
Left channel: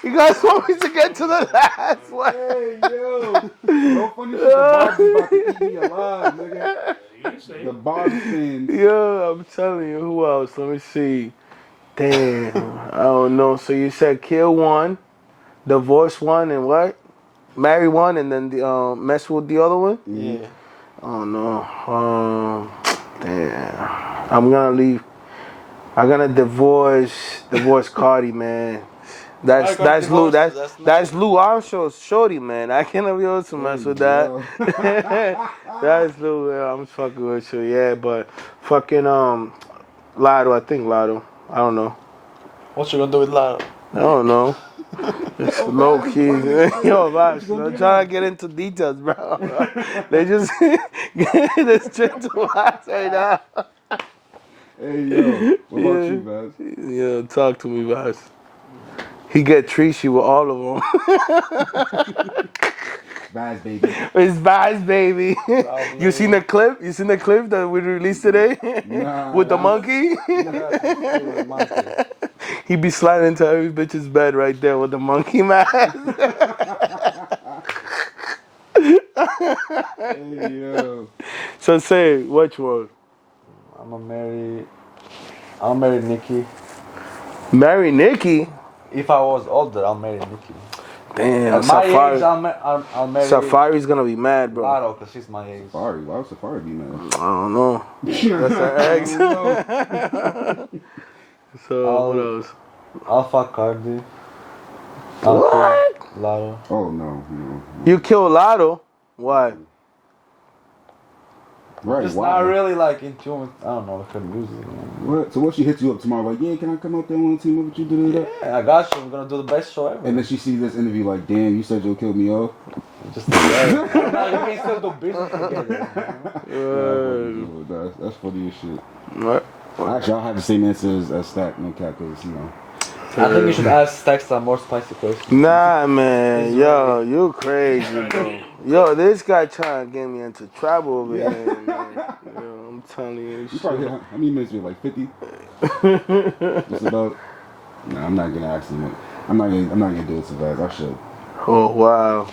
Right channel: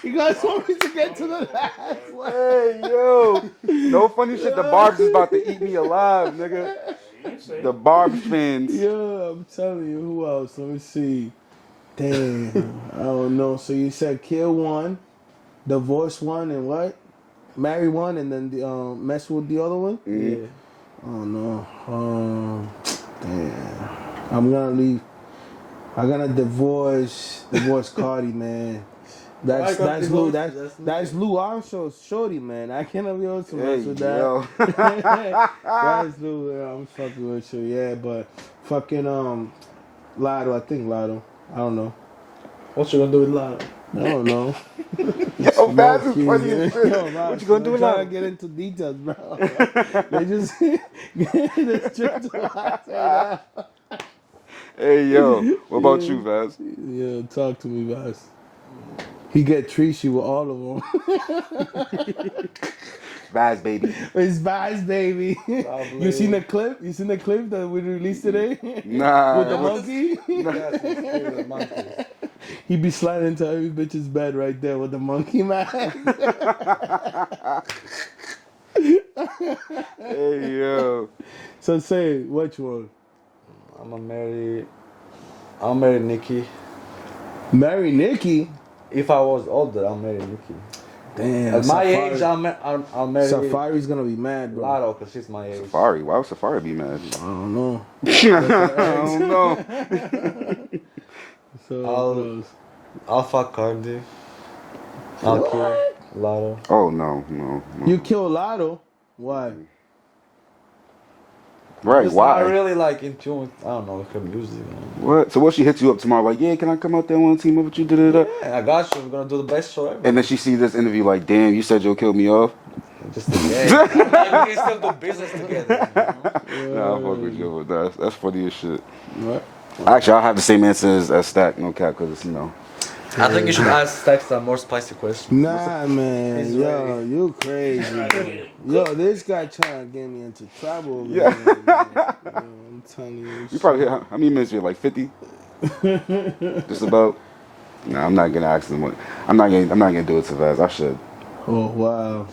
You guys want me to get to the last one. Hey, yo, no funny shit. The Barb's is about to eat me alive, nigga. You say. The Barb fans. Yo, I'm telling you, who else? Let me see. Damn, I don't know. So you said kill one, divorce one, and what? Marry one, and then mess with the other one? Yeah. Oh no. Damn. I'm gonna leave. I'm gonna divorce Cardi, man. That's I got Lou. divorced, That's that's Lou Armstrong's shorty, man. I cannot be able to mess with that. yo. That's Lou. Yeah, I'm fucking with you. Yeah, but fucking Lotto. I think Lotto. I don't know. What you gonna do with Lana? I don't know. Yo, Baz is funny as shit. Yo, What Vash, you gonna do I'm with trying that? to get into details, bro. They just get this straight to us right now. Hey, yo, what about you, Vaz? Yeah, talk to me, Vash. He get treachy with all of them. Vaz, baby. It's Vash, baby. You seen the clip? You seen the clip that we released today? Nah. With the monkey? He be sliding into every bitch's bed right there with the monkey mask. Hey, yo. So say, which one? I'll marry Nikki. Marry Nicki? If I was older, I'll marry Nikki. Damn, At my Safari. age, I'll marry Safari's gonna be mad, bro. Lotto, because she's my age. Safari. Why would Safari be mad? I don't know. I don't know. So I'll- what else? I'll fuck Cardi. I'll kill Lotto. Oh, no. You kill Lotto? Why? Right, Just why? not really like in tune with, I don't know, her music. Man. What? So what, she hits you up tomorrow like, yeah, can I come out there and want to team up with you? Da-da-da. Yeah, I got you. We're gonna do the best show ever. And then she sees this interview like, damn, you said you'll kill me off? Just we can still do business together. Nah, I'm fucking with you, but that's funny as shit. What? Actually, I'll have the same answer as Stack, no cap, because, I think you should ask Stack some more spicy questions. Nah, man. Yo, you crazy, bro. Yo, this guy trying to get me into trouble over here, man. Yo, I'm telling you. You probably, how many minutes you like 50? Just about? Nah, I'm not gonna ask him. I'm not gonna do it to Vaz. I should. Oh, wow.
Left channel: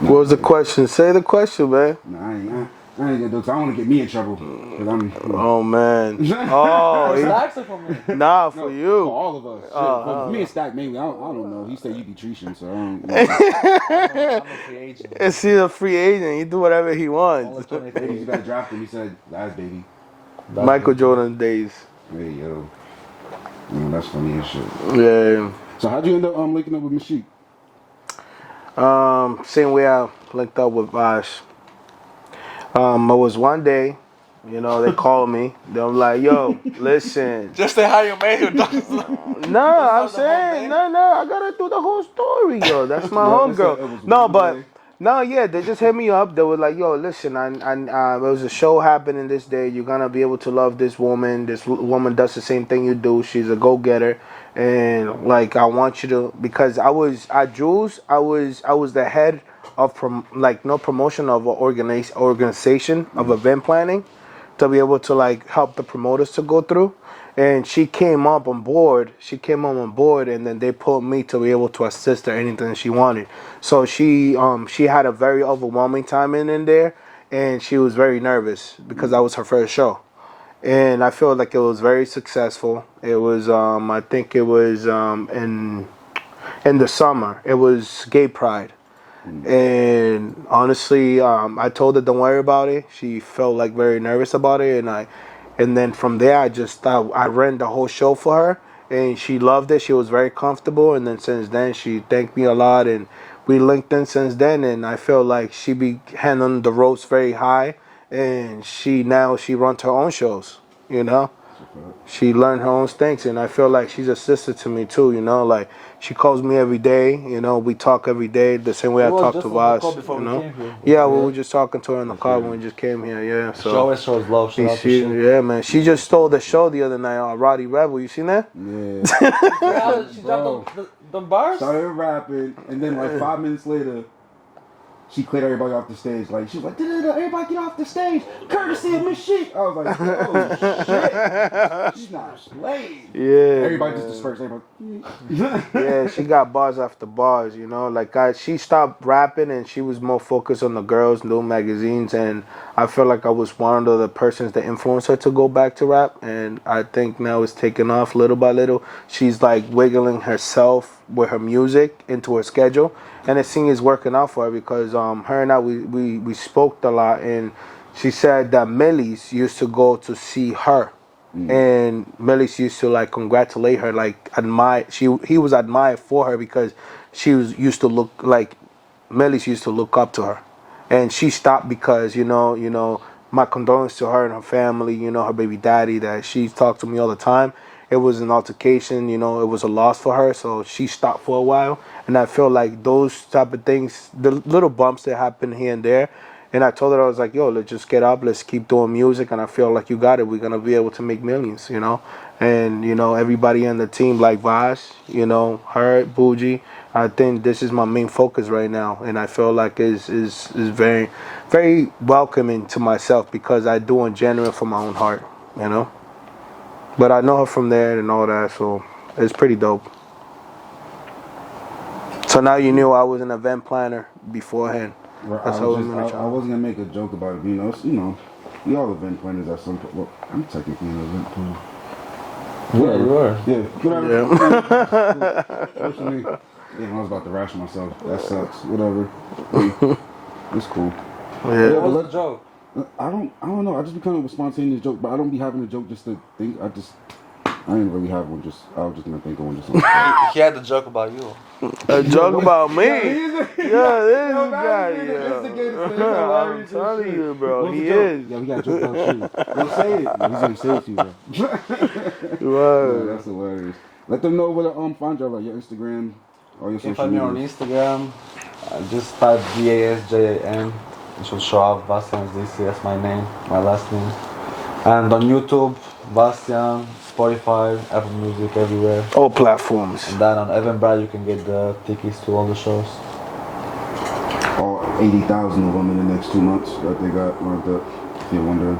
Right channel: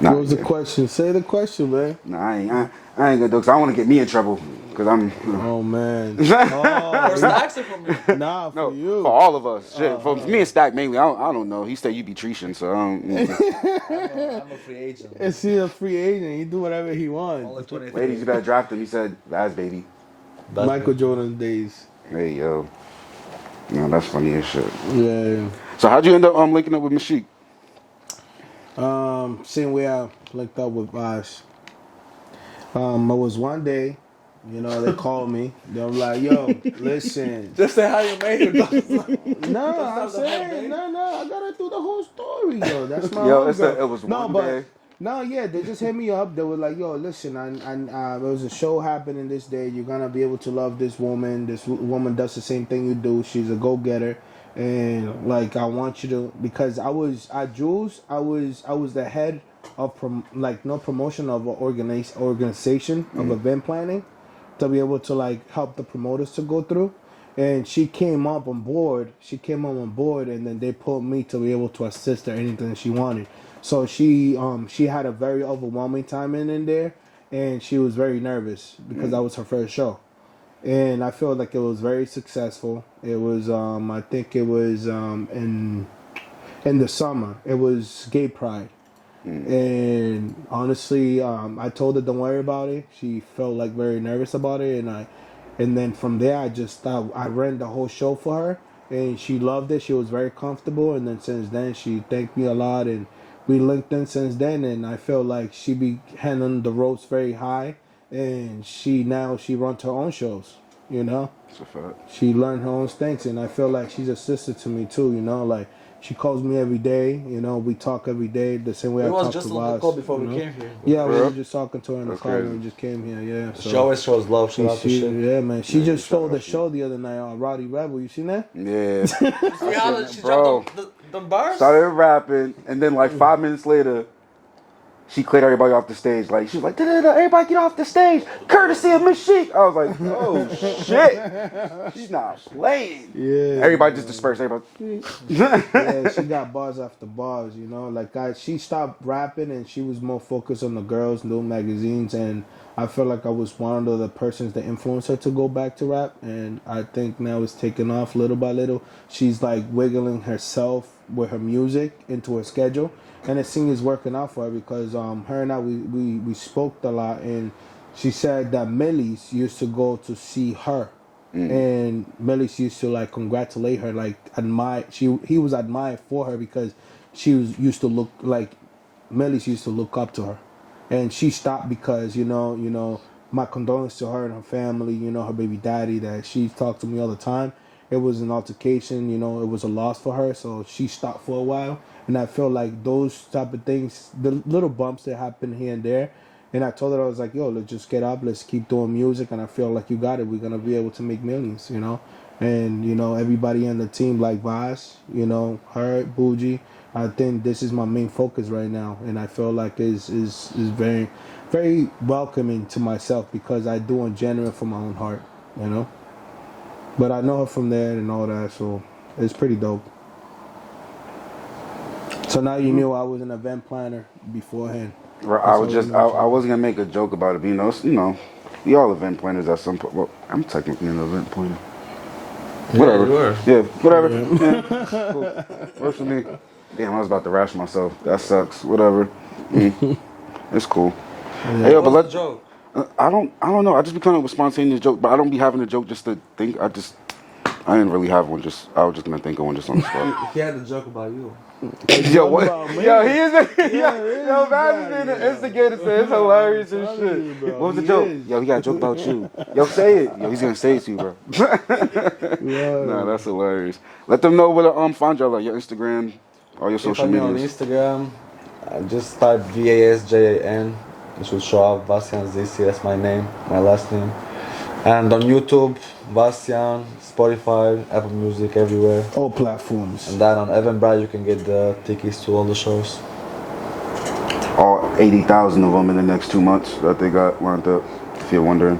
Nah, What was the question? Say the question, man. Nah, I ain't gonna do it because I don't want to get me in trouble. Because I'm. Oh, man. For Oh, Stacks or for me? nah, for No, you. For all of us. Shit, for me and Stack mainly. I don't know. He said you be treating, so I don't. I'm a free agent. Is he a free agent? He do whatever he Only wants. 23. Ladies, you gotta draft him. He said, Vaz, baby. Michael Jordan days. Hey, yo. No, that's funny as shit. Yeah. So how'd you end up linking up with Mashiq? Same way I linked up with Vash. It was one day, they called me. They were like, yo, listen. Just say how you made him. No, I'm saying, no, I gotta do the whole story, yo. That's my Yo, it's homegirl. it was No, one but day. no, yeah, they just hit me up. They were like, yo, listen, there was a show happening this day. You're gonna be able to love this woman. This woman does the same thing you do. She's a go-getter. And like, I want you to, because I was at Jules, I was the head of promotion of an organization of event planning to be able to like help the promoters to go through. And she came up on board, and then they put me to be able to assist her anything she wanted. So she had a very overwhelming time in there, and she was very nervous because that was her first show. And I feel like it was very successful. It was, I think it was in the summer. It was Gay Pride. And honestly, I told her don't worry about it. She felt like very nervous about it, and then from there I just thought I ran the whole show for her, and she loved it. She was very comfortable, and then since then she thanked me a lot, and we linked in since then. And I feel like she be handling the ropes very high, and she runs her own shows. You know. She learned her own things, and I feel like she's a sister to me too. You know, like she calls me every day. You know, we talk every day the same way I talk to Vas. Before we came here. Yeah, we were just talking to her in the car when we just came here. Yeah, so She always shows love. yeah, man. She just stole the show the other night on Roddy Rebel. You seen that? Yeah. She Bro. dropped the bars. Started rapping, and then like 5 minutes later, she cleared everybody off the stage. Like she was like, "Da-da-da, everybody get off the stage, courtesy of Miss Sheik." I was like, "Oh shit, she's not playing." Yeah. Everybody just dispersed. Everybody. Yeah, she got bars after bars, you know. Like she stopped rapping and she was more focused on the girls, new magazines, and I feel like I was one of the persons that influenced her to go back to rap. And I think now it's taking off little by little. She's like wiggling herself with her music into her schedule, and it seems it's working out for her because her and I we spoke a lot, and she said that Millie's used to go to see her. And Melis used to like congratulate her, like admire. He was admired for her because she used to look like Melis used to look up to her, and she stopped because you know my condolences to her and her family. You know her baby daddy that she talked to me all the time. It was an altercation. You know it was a loss for her, so she stopped for a while. And I feel like those type of things, the little bumps that happen here and there. And I told her, I was like, yo, let's just get up. Let's keep doing music. And I feel like you got it. We're going to be able to make millions, you know. And, you know, everybody on the team like Vas, you know, her, Bougie. I think this is my main focus right now. And I feel like is very, very welcoming to myself because I do it genuine from my own heart, you know. But I know her from there and all that. So it's pretty dope. So now you knew I was an event planner beforehand. I wasn't gonna make a joke about it, but you know, we all event planners at some point. Well, I'm technically an event planner. Whatever. You were. Yeah, whatever. Yeah. Cool. Damn, I was about to rash myself. That sucks. Whatever. It's cool. Yeah, but What's the joke? I don't know. I just be coming up with spontaneous joke, but I don't be having a joke just to think. I didn't really have one. I was just gonna think of one just on the spot. He had a joke about you. A joke about me. Yeah, he is. Yo, Imagine the instigator. It's hilarious and shit. You, bro. What was the joke? Yo, he got a joke about you. Yo, say it. Yo, he's gonna say it to you, bro. No, that's hilarious. Let them know where to find y'all, like your Instagram, all your social Find me on media. Instagram. Just type VASJAN. It should show up. Vasjan ZC. That's my name, my last name. And on YouTube, Vasjan, Spotify, Apple Music, everywhere. All platforms. And then on Eventbrite, you can get the tickets to all the shows. All 80,000 of them in the next 2 months that they got lined up, if you're wondering.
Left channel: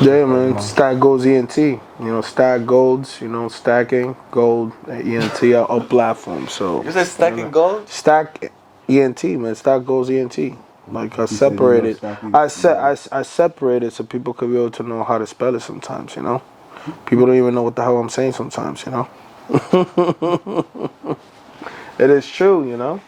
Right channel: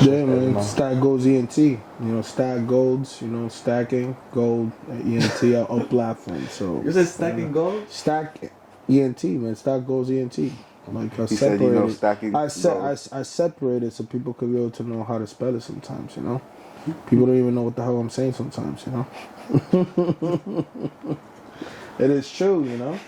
Yeah, man. StackGold ENT. You know, StackGolds. You know, stacking gold ENT are all platforms. So You said stacking gold? Stack ENT, man. StackGolds ENT. Like I He said, you know, separated. stacking I gold. separated so people could be able to know how to spell it sometimes. You know, people don't even know what the hell I'm saying sometimes. You know, it is true. You know,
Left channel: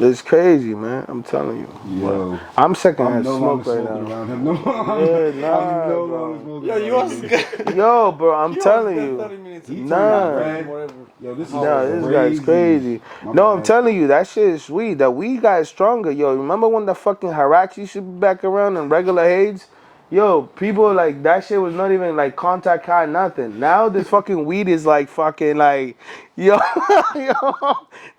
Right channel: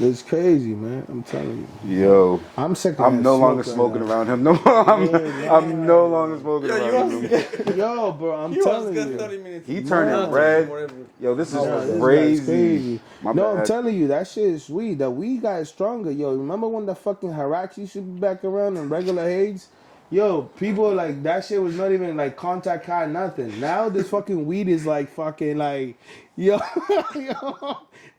it's crazy, man. I'm telling you. Yo, I'm second. I'm no longer right smoking now. around him. No, I'm no longer smoking around him. Yo, bro, I'm telling you. He turned Nah. red. Yo, this is No, this crazy. guy's crazy. My No, I'm bad. telling you, that shit is sweet. That weed guy is stronger. Yo, remember when the fucking Hirachi should be back around and regular Hades? Yo, people like that shit was not even like contact high, nothing. Now this fucking weed is like fucking like, yo,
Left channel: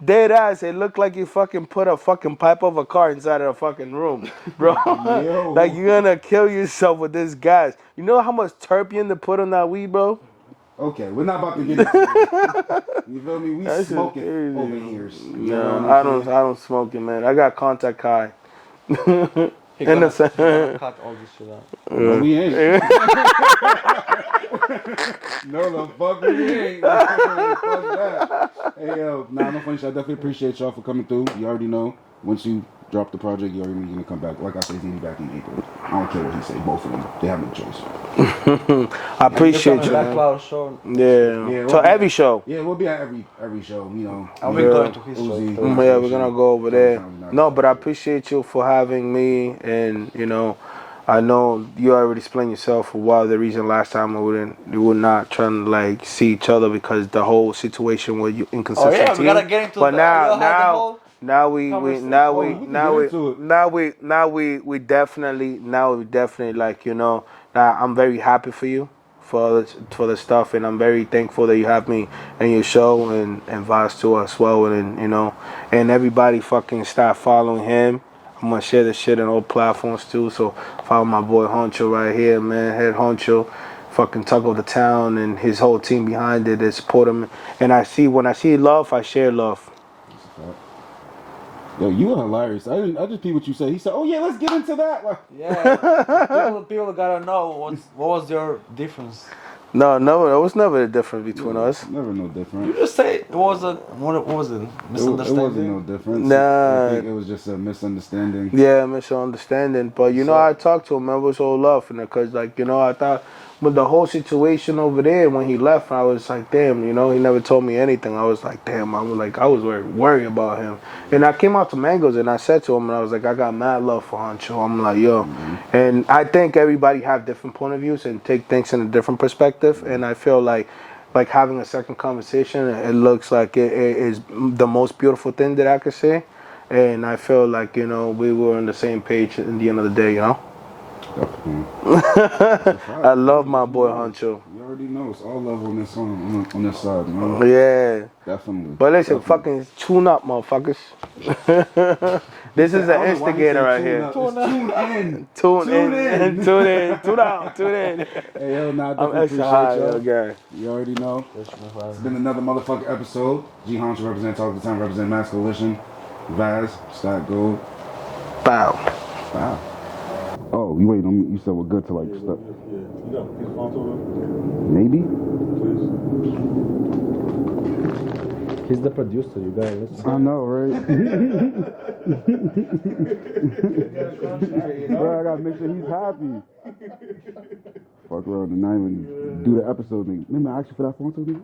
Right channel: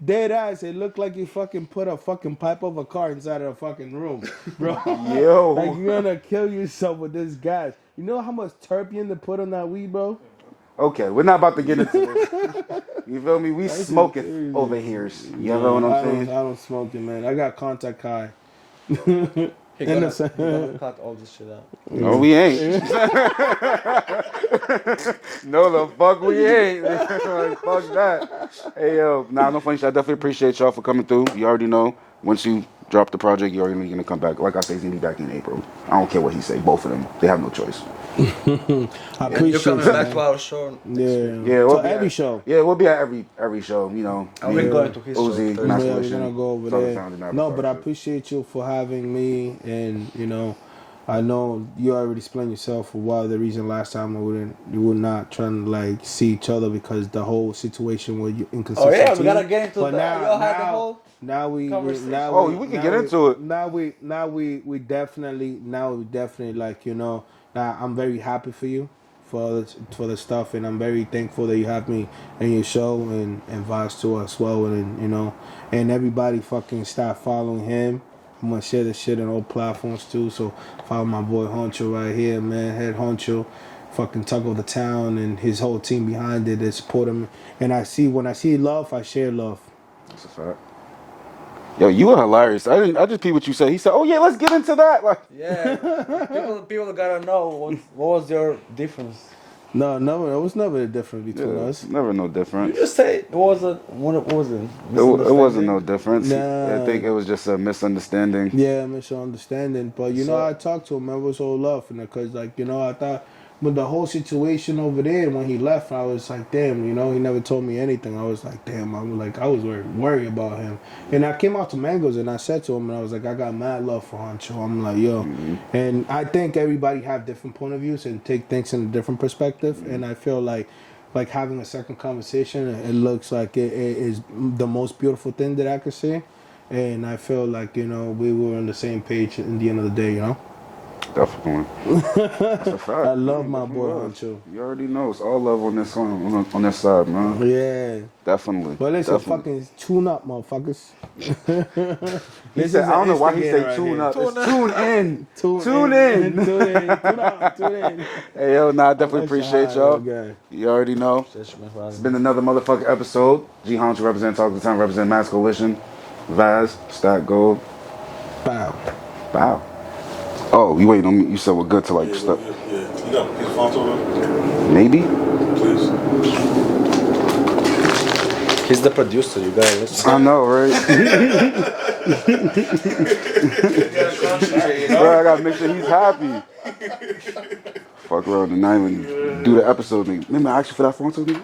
dead ass. It looked like you fucking put a fucking pipe of a car inside of a fucking room, bro. Yo. Like you're gonna kill yourself with this gas. You know how much terpene to put on that weed, bro? Okay, we're not about to get into it. You feel me? We That shit smoking crazy. over here. You know what I'm saying? I don't smoke it, man. I got contact high. He In gonna, the he gonna cut all this shit out. No, we ain't. No, the fuck we ain't. Fuck that. Hey, yo, no funny shit. I definitely appreciate y'all for coming through. You already know. Once you drop the project. You already know you're gonna come back. Like I said, he's gonna be back in April. I don't care what he say. Both of them, they have no choice. I appreciate You're you, coming back to man. our show. Yeah. we'll So be every at- show. Yeah, we'll be at every show. You know, I've me, been going to his show. Uzi, Yeah, Yeah, Master we're gonna Ocean, go over Solid there. Sounds and No, but I After. appreciate you for having me, and you know, I know you already explained yourself for why the reason last time we were not trying to like see each other because the whole situation with you inconsistent. Oh yeah, we team. gotta get into But that. now, Y'all had the whole now we conversation. now Oh, we we can now get we into it. now we definitely like, you know, now I'm very happy for you for the stuff, and I'm very thankful that you have me in your show, and Vaz too as well, and you know, and everybody fucking start following him. I'm gonna share this shit on all platforms too, so follow my boy Honcho right here, man, Head Honcho, fucking Talk of the Town, and his whole team behind it that support him. And when I see love, I share love. That's a fact. Yo, you were hilarious. I just peeped what you said. He said, "Oh yeah, let's get into that." Like, Yeah, people gotta know what was your difference. No, it was never a difference between us. Never no You difference. just say it was what was it? It wasn't no difference. Nah. I think it was just a misunderstanding. Yeah, misunderstanding. But you know, I talked to him. It was all love, and because like, you know, I thought with the whole situation over there when he left, I was like, damn, you know, he never told me anything. I was like, damn, I was worried about him. And I came out to Mangoes and I said to him, and I was like, I got mad love for Honcho. I'm like, yo, and I think everybody have different point of views and take things in a different perspective. And I feel like having a second conversation, it looks like it is the most beautiful thing that I could say. And I feel like, you know, we were on the same page at the end of the day, you know? Definitely. That's a fact. I love my boy Honcho. You already know it's all love on this side, man. Yeah. Definitely. But listen, Definitely. fucking tune up, motherfuckers. This is an I don't know why he instigator said right tune here. up. It's tune in. Tune in. Tune in. Tune out. Tune in. Hey, yo, nah, I definitely appreciate y'all. Okay. You already know. It's been another motherfucking episode. G Honcho represent Talk of the Town, represent Mass Coalition. Vaz, StackGold. Bow. Wow. Oh, you waiting on me? You said we're good to like stuff. Yeah. You got his phone to him? Maybe? Please. He's the producer, you gotta listen. I know, right? Bro, I gotta make sure he's happy. Fuck around tonight when you do the episode. Nigga. Remember I asked you for that phone to me?